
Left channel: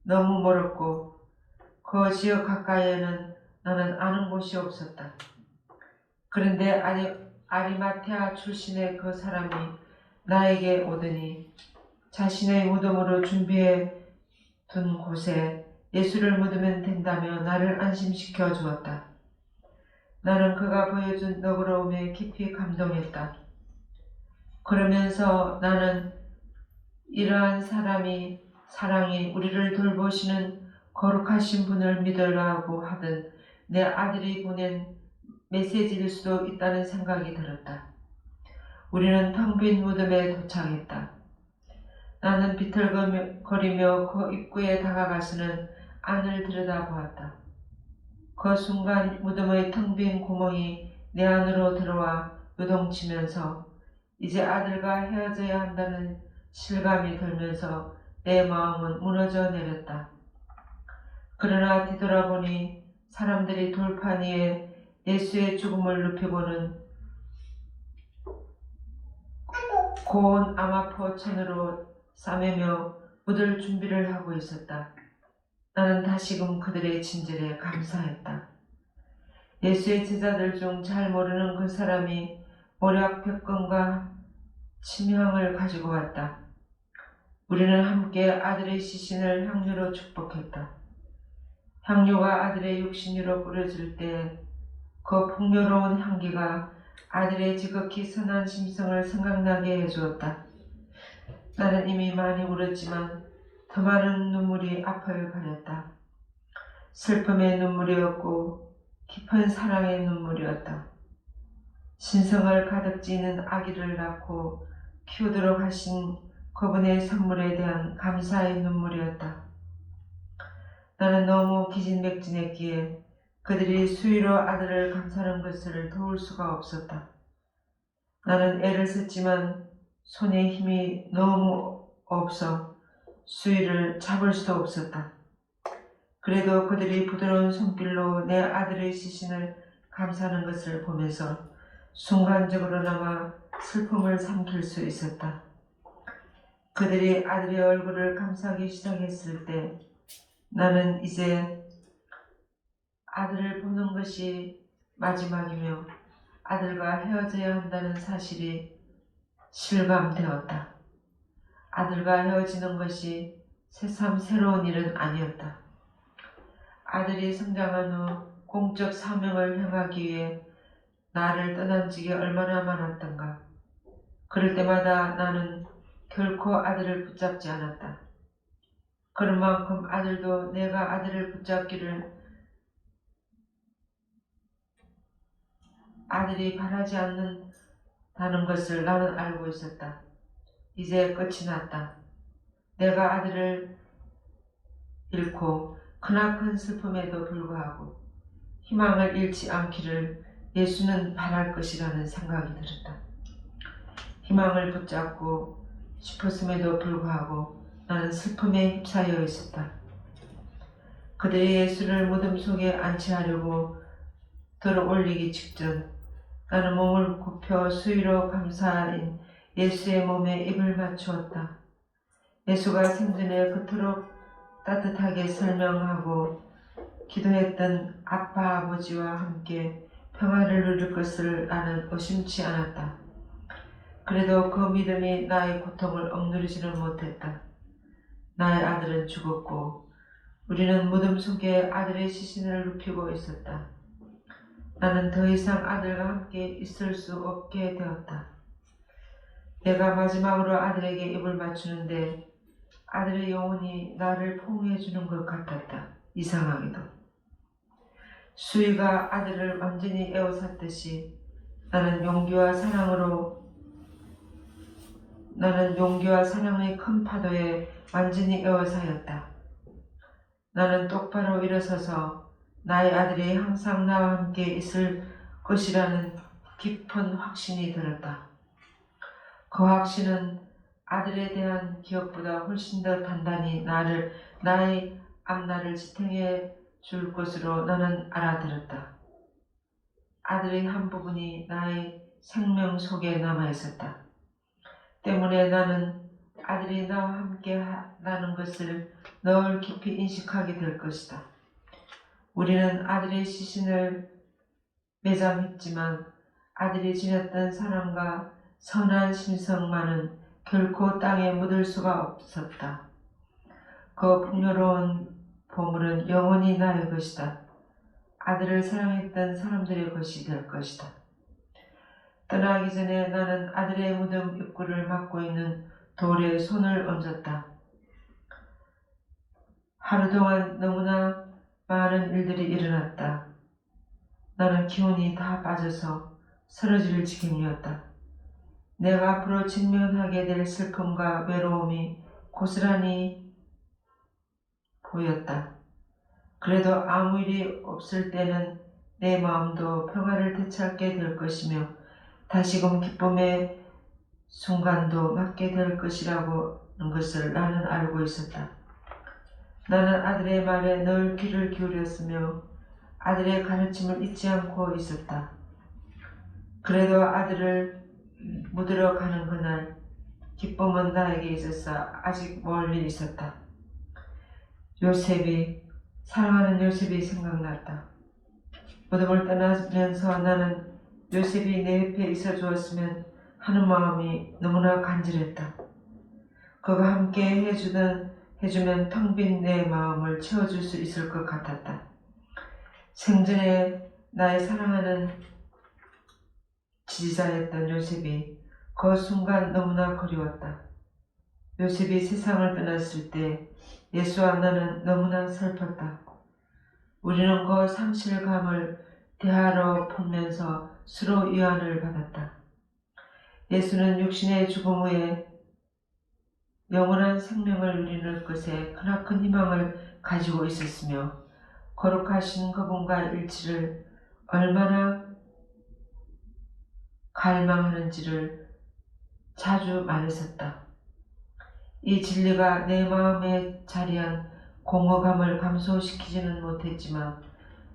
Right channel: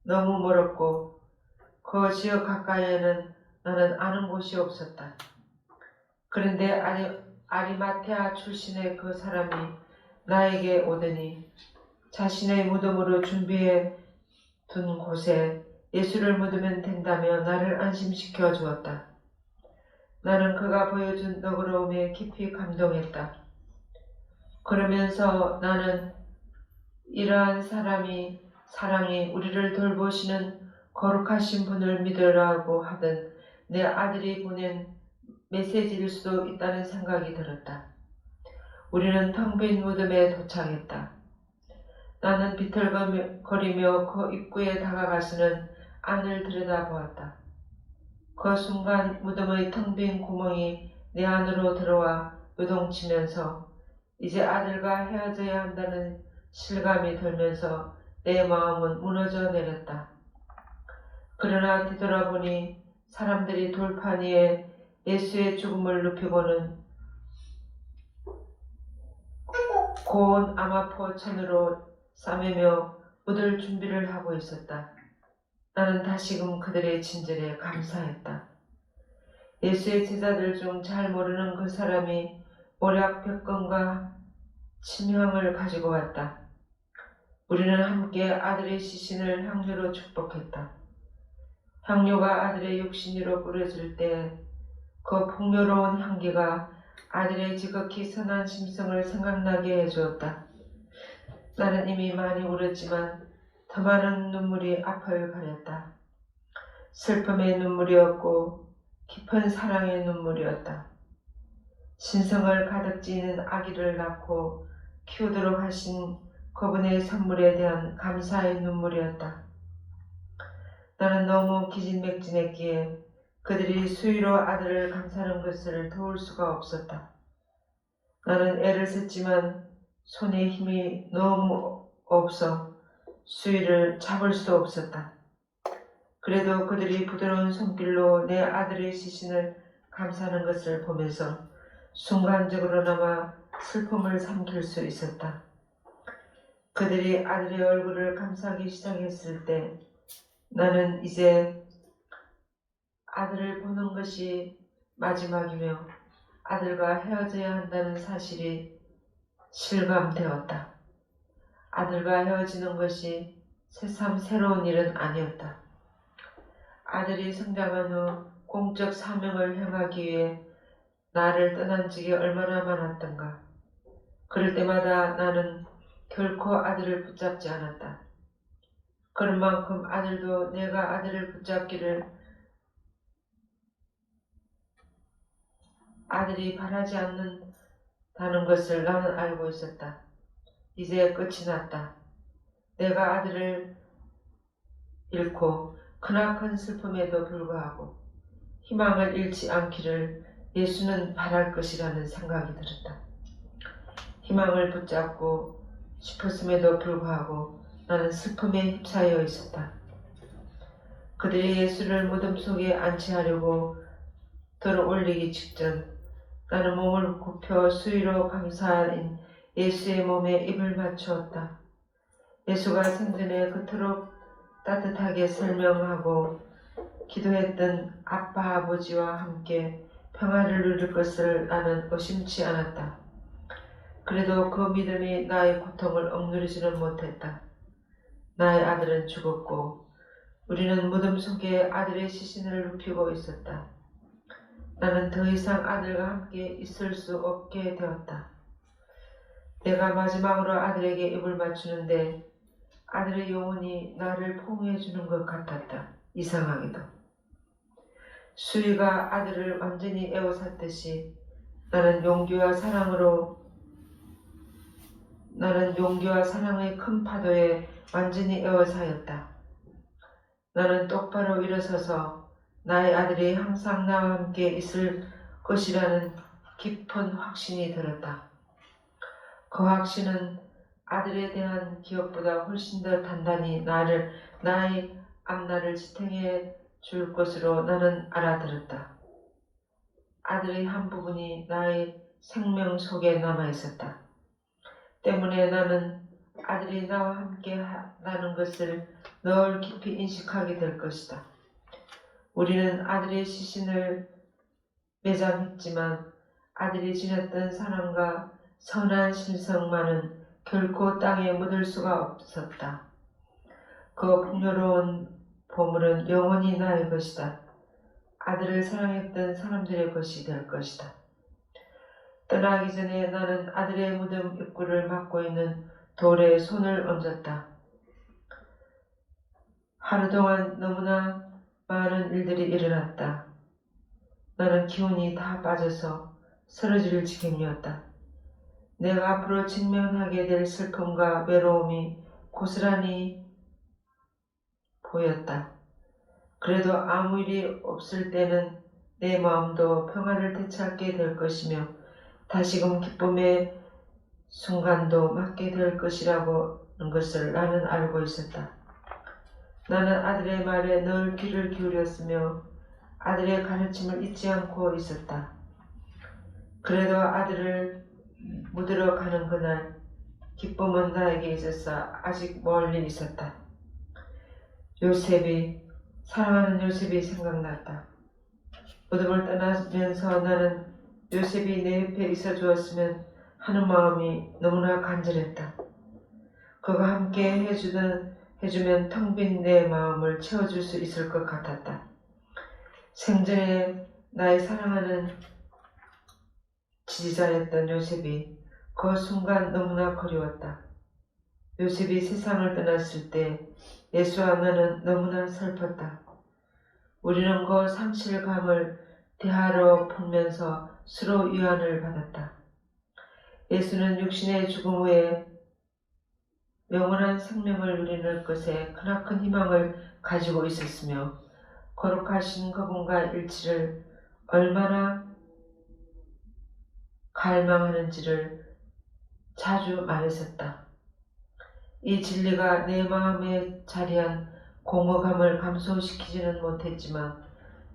너무 멀었고 그 지역 가까이에는 나는 아는 곳이 없었다. 그런데 아리마테아 출신의 그 사람이 나에게 오더니 자신의 무덤으로 준비해 둔 곳에 예수를 묻으면 된다며 나를 안심시켜 주었다. 나는 그가 보여준 너그러움에 깊이 감동했다. 그러면서 나는 이러한 사랑이 우리를 돌보시는 거룩하신 분을 믿으라고 하던 내 아들이 보낸 메시지일 수도 있다는 생각이 들었다. 우리는 텅 빈 무덤에 도착했다. 나는 비틀거리며 그 입구에 다가가서는 안을 들여다보았다. 그 순간 무덤의 텅 빈 구멍이 내 안으로 들어와 요동치면서 이제 아들과 헤어져야 한다는 실감이 들면서 내 마음은 무너져 내렸다. 그러나 뒤돌아보니 사람들이 돌판 위에 예수의 죽음을 눕히고는 고운 아마포 천으로 싸매며 묻을 준비를 하고 있었다. 나는 다시금 그들의 친절에 감사했다. 예수의 제자들 중 잘 모르는 그 사람이 모략백건과 침향을 가지고 왔다. 우리는 함께 아들의 시신을 향료로 축복했다. 향료가 아들의 육신 위로 뿌려질 때 그 풍요로운 향기가 아들의 지극히 선한 심성을 생각나게 해주었다. 나는 이미 많이 울었지만 더 많은 눈물이 앞을 가렸다. 슬픔의 눈물이었고 깊은 사랑의 눈물이었다. 신성을 가득 지닌 아기를 낳고 키우도록 하신 그분의 선물에 대한 감사의 눈물이었다. 나는 너무 기진맥진했기에 그들이 수위로 아들을 감싸는 것을 도울 수가 없었다. 나는 애를 썼지만 손에 힘이 너무 없어 수위를 잡을 수도 없었다. 그래도 그들이 부드러운 손길로 내 아들의 시신을 감싸는 것을 보면서 순간적으로나마 슬픔을 삼킬 수 있었다. 그들이 아들의 얼굴을 감싸기 시작했을 때 나는 이제 아들을 보는 것이 마지막이며 아들과 헤어져야 한다는 사실이 실감되었다. 아들과 헤어지는 것이 새삼 새로운 일은 아니었다. 아들이 성장한 후 공적 사명을 행하기 위해 나를 떠난 적이 얼마나 많았던가. 그럴 때마다 나는 결코 아들을 붙잡지 않았다. 그런 만큼 아들도 내가 아들을 붙잡기를 아들이 바라지 않는다는 것을 나는 알고 있었다. 이제 끝이 났다. 내가 아들을 잃고 크나큰 슬픔에도 불구하고 희망을 잃지 않기를 예수는 바랄 것이라는 생각이 들었다. 희망을 붙잡고 싶었음에도 불구하고 나는 슬픔에 휩싸여 있었다. 그들이 예수를 무덤 속에 안치하려고 들어 올리기 직전 나는 몸을 굽혀 수위로 감싸인 예수의 몸에 입을 맞추었다. 예수가 생전에 그토록 따뜻하게 설명하고 기도했던 아빠 아버지와 함께 평화를 누릴 것을 나는 의심치 않았다. 그래도 그 믿음이 나의 고통을 억누르지는 못했다. 나의 아들은 죽었고 우리는 무덤 속에 아들의 시신을 눕히고 있었다. 나는 더 이상 아들과 함께 있을 수 없게 되었다. 내가 마지막으로 아들에게 입을 맞추는데 아들의 영혼이 나를 포옹해 주는 것 같았다. 이상하게도. 수희가 아들을 완전히 에워쌌듯이 나는 용기와 사랑의 큰 파도에 완전히 에워싸였다. 나는 똑바로 일어서서 나의 아들이 항상 나와 함께 있을 것이라는 깊은 확신이 들었다. 그 확신은 아들에 대한 기억보다 훨씬 더 단단히 나의 앞날을 지탱해 줄 것으로 나는 알아들었다. 아들의 한 부분이 나의 생명 속에 남아 있었다. 때문에 나는 아들이 나와 함께 하는 것을 늘 깊이 인식하게 될 것이다. 우리는 아들의 시신을 매장했지만 아들이 지녔던 사랑과 선한 심성만은 결코 땅에 묻을 수가 없었다. 그 풍요로운 보물은 영원히 나의 것이다. 아들을 사랑했던 사람들의 것이 될 것이다. 떠나기 전에 나는 아들의 무덤 입구를 막고 있는 돌에 손을 얹었다. 하루 동안 너무나 많은 일들이 일어났다. 나는 기운이 다 빠져서 쓰러질 지경이었다. 내가 앞으로 직면하게 될 슬픔과 외로움이 고스란히 보였다. 그래도 아무 일이 없을 때는 내 마음도 평화를 되찾게 될 것이며 다시금 기쁨의 순간도 맞게 될 것이라는 것을 나는 알고 있었다. 나는 아들의 말에 늘 귀를 기울였으며 아들의 가르침을 잊지 않고 있었다. 그래도 아들을 묻으러 가는 그날 기쁨은 나에게 있어서 아직 멀리 있었다. 사랑하는 요셉이 생각났다. 무덤을 떠나면서 나는 요셉이 내 옆에 있어 주었으면 하는 마음이 너무나 간절했다. 그가 함께 해주면 텅 빈 내 마음을 채워줄 수 있을 것 같았다. 생전에 나의 사랑하는 지지자였던 요셉이 그 순간 너무나 그리웠다. 요셉이 세상을 떠났을 때 예수와 나는 너무나 슬펐다. 우리는 그 상실감을 대화로 풀면서 서로 위안을 받았다. 예수는 육신의 죽음 후에 영원한 생명을 누리는 것에 크나큰 희망을 가지고 있었으며 거룩하신 그분과 일치를 얼마나 갈망하는지를 자주 말했었다. 이 진리가 내 마음에 자리한 공허감을 감소시키지는 못했지만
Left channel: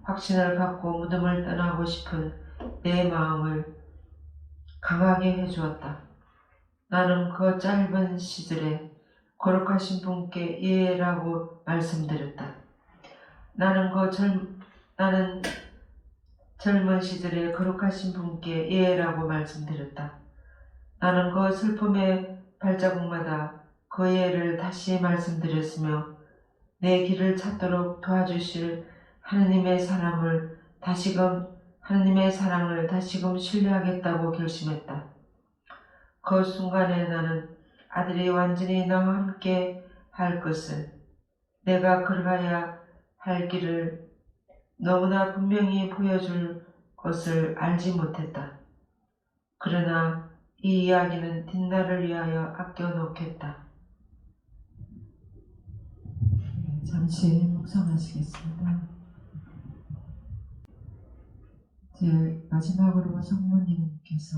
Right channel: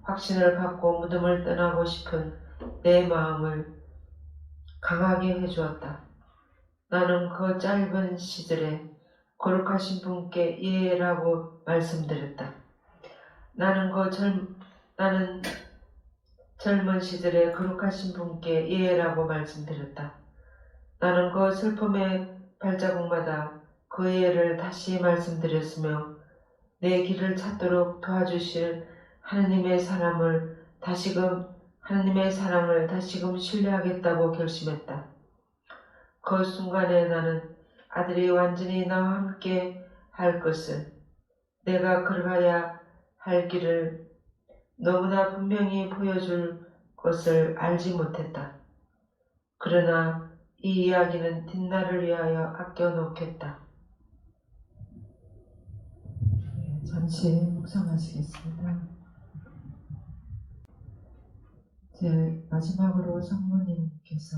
확신을 갖고 무덤을 떠나고 싶은 내 마음을 강하게 해주었다. 나는 그 짧은 시절에 거룩하신 분께 예라고 말씀드렸다. 나는 젊은 시절에 거룩하신 분께 예라고 말씀드렸다. 나는 그 슬픔의 발자국마다 그 예를 다시 말씀드렸으며 내 길을 찾도록 도와주실 하느님의 사랑을 다시금 신뢰하겠다고 결심했다. 그 순간에 나는 아들이 완전히 나와 함께 할 것을, 내가 걸어가야 할 길을 너무나 분명히 보여줄 것을 알지 못했다. 그러나 이 이야기는 뒷날을 위하여 아껴놓겠다. 잠시 묵상하시겠습니다. 이제 마지막으로 성모님께서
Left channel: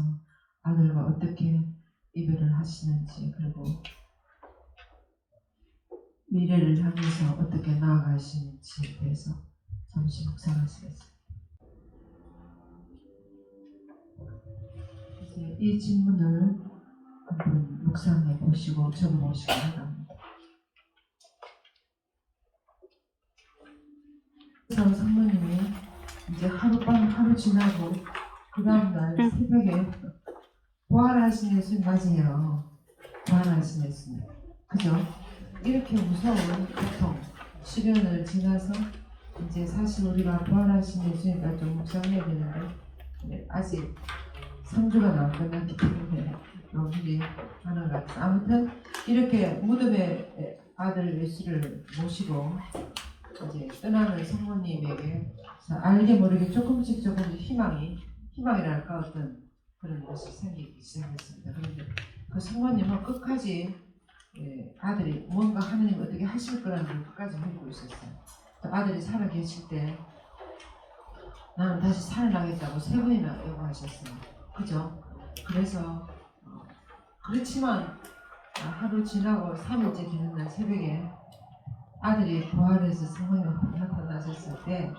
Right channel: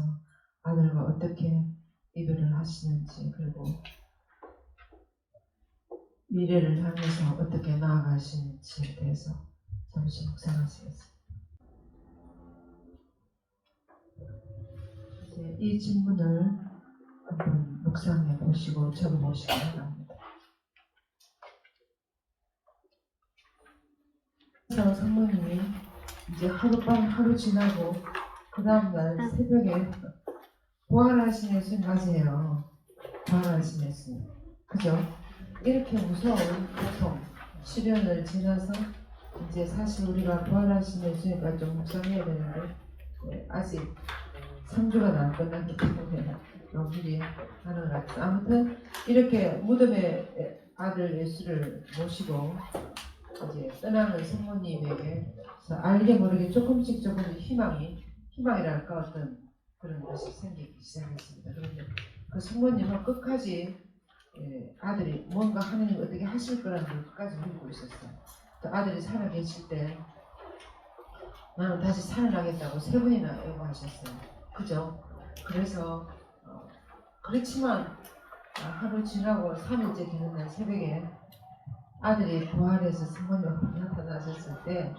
아들과 어떻게 이별을 하시는지, 그리고 미래를 향해서 어떻게 나아가시는지에 대해서 잠시 묵상하시겠습니다. 이제 이 질문을 한번 묵상해 보시고 적어보시기 바랍니다. 그래서 성모님이 이제 하루 지나고 그 다음날 새벽에 부활하신 예수님 맞이해요. 부활하신 예수님. 그죠? 이렇게 무서운 고통, 시련을 지나서 이제 사실 우리가 부활하신 예수님과 좀 묵상해야 되는데 아직 3주가 안 끝났기 때문에 너무들이 하는 것 같아요. 아무튼 이렇게 무덤에 아들 예수를 모시고 이제 떠나는 성모님에게 알게 모르게 조금씩 희망이랄까 어떤 그런 것이 생기기 시작했습니다. 그런데 그 성모님은 끝까지 아들이 뭔가 하느님 어떻게 하실 거라는 걸 끝까지 믿고 있었어요. 또 아들이 살아계실 때 나는 다시 살아나겠다고 3번이나 요구하셨어요. 그죠? 그래서 그렇지만 하루 지나고 3일째 되는 날 새벽에 아들이 부활해서 성모님 앞에 나타나셨을 때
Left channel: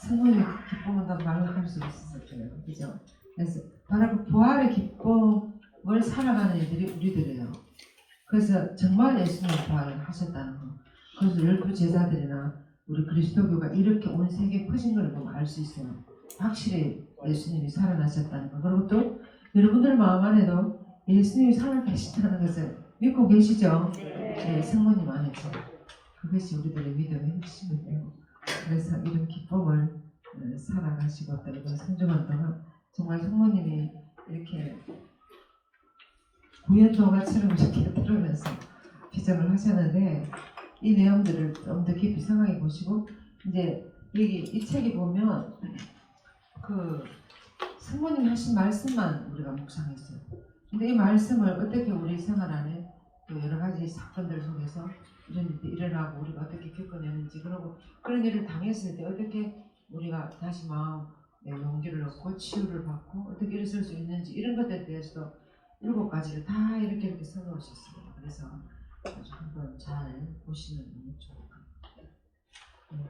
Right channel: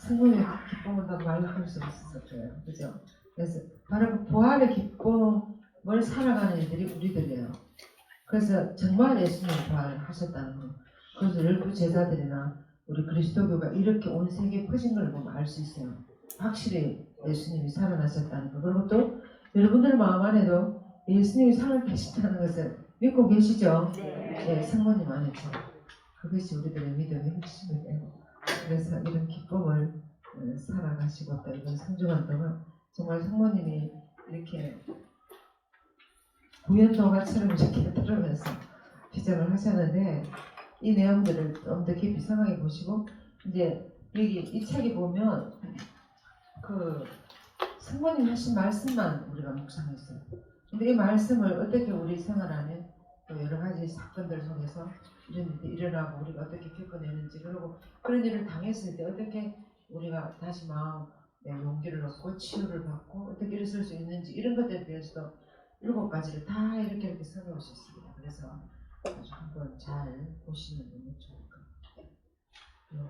성모님의 기쁨은 다 말할 수 없었을 거예요. 그죠? 그래서 바로 그 부활의 기쁨을 살아가는 이들이 우리들이에요. 그래서 정말 예수님이 부활하셨다는 거, 그것을 열두 제자들이나 우리 그리스도교가 이렇게 온 세계에 퍼진 걸 보면 알 수 있어요. 확실히 예수님이 살아나셨다는 거. 그리고 또 여러분들 마음 안에도 예수님이 살아계시다는 것을 믿고 계시죠? 네, 성모님 안에서. 그것이 우리들의 믿음의 핵심이에요. 그래서 이런 기쁨을 살아가시고 또 이번 3주간 동안 정말 성모님이 이렇게 구연동화처럼 이렇게 들으면서 기적을 하셨는데 이 내용들을 좀 더 깊이 생각해 보시고 이제 여기 이 책에 보면 그 성모님 하신 말씀만 우리가 묵상했어요. 근데 이 말씀을 어떻게 우리 생활 안에 또 여러 가지 사건들 속에서 이런 일이 일어나고 우리가 어떻게 겪어내는지, 그리고 그런 일을 당했을 때 어떻게 우리가 다시 마음의 용기를 얻고 치유를 받고 어떻게 일어설 수 있는지, 이런 것들에 대해서도 7가지를 다 이렇게 써놓으셨습니다. 그래서 아주 한번 잘 보시면 너무 좋을 것 같아요.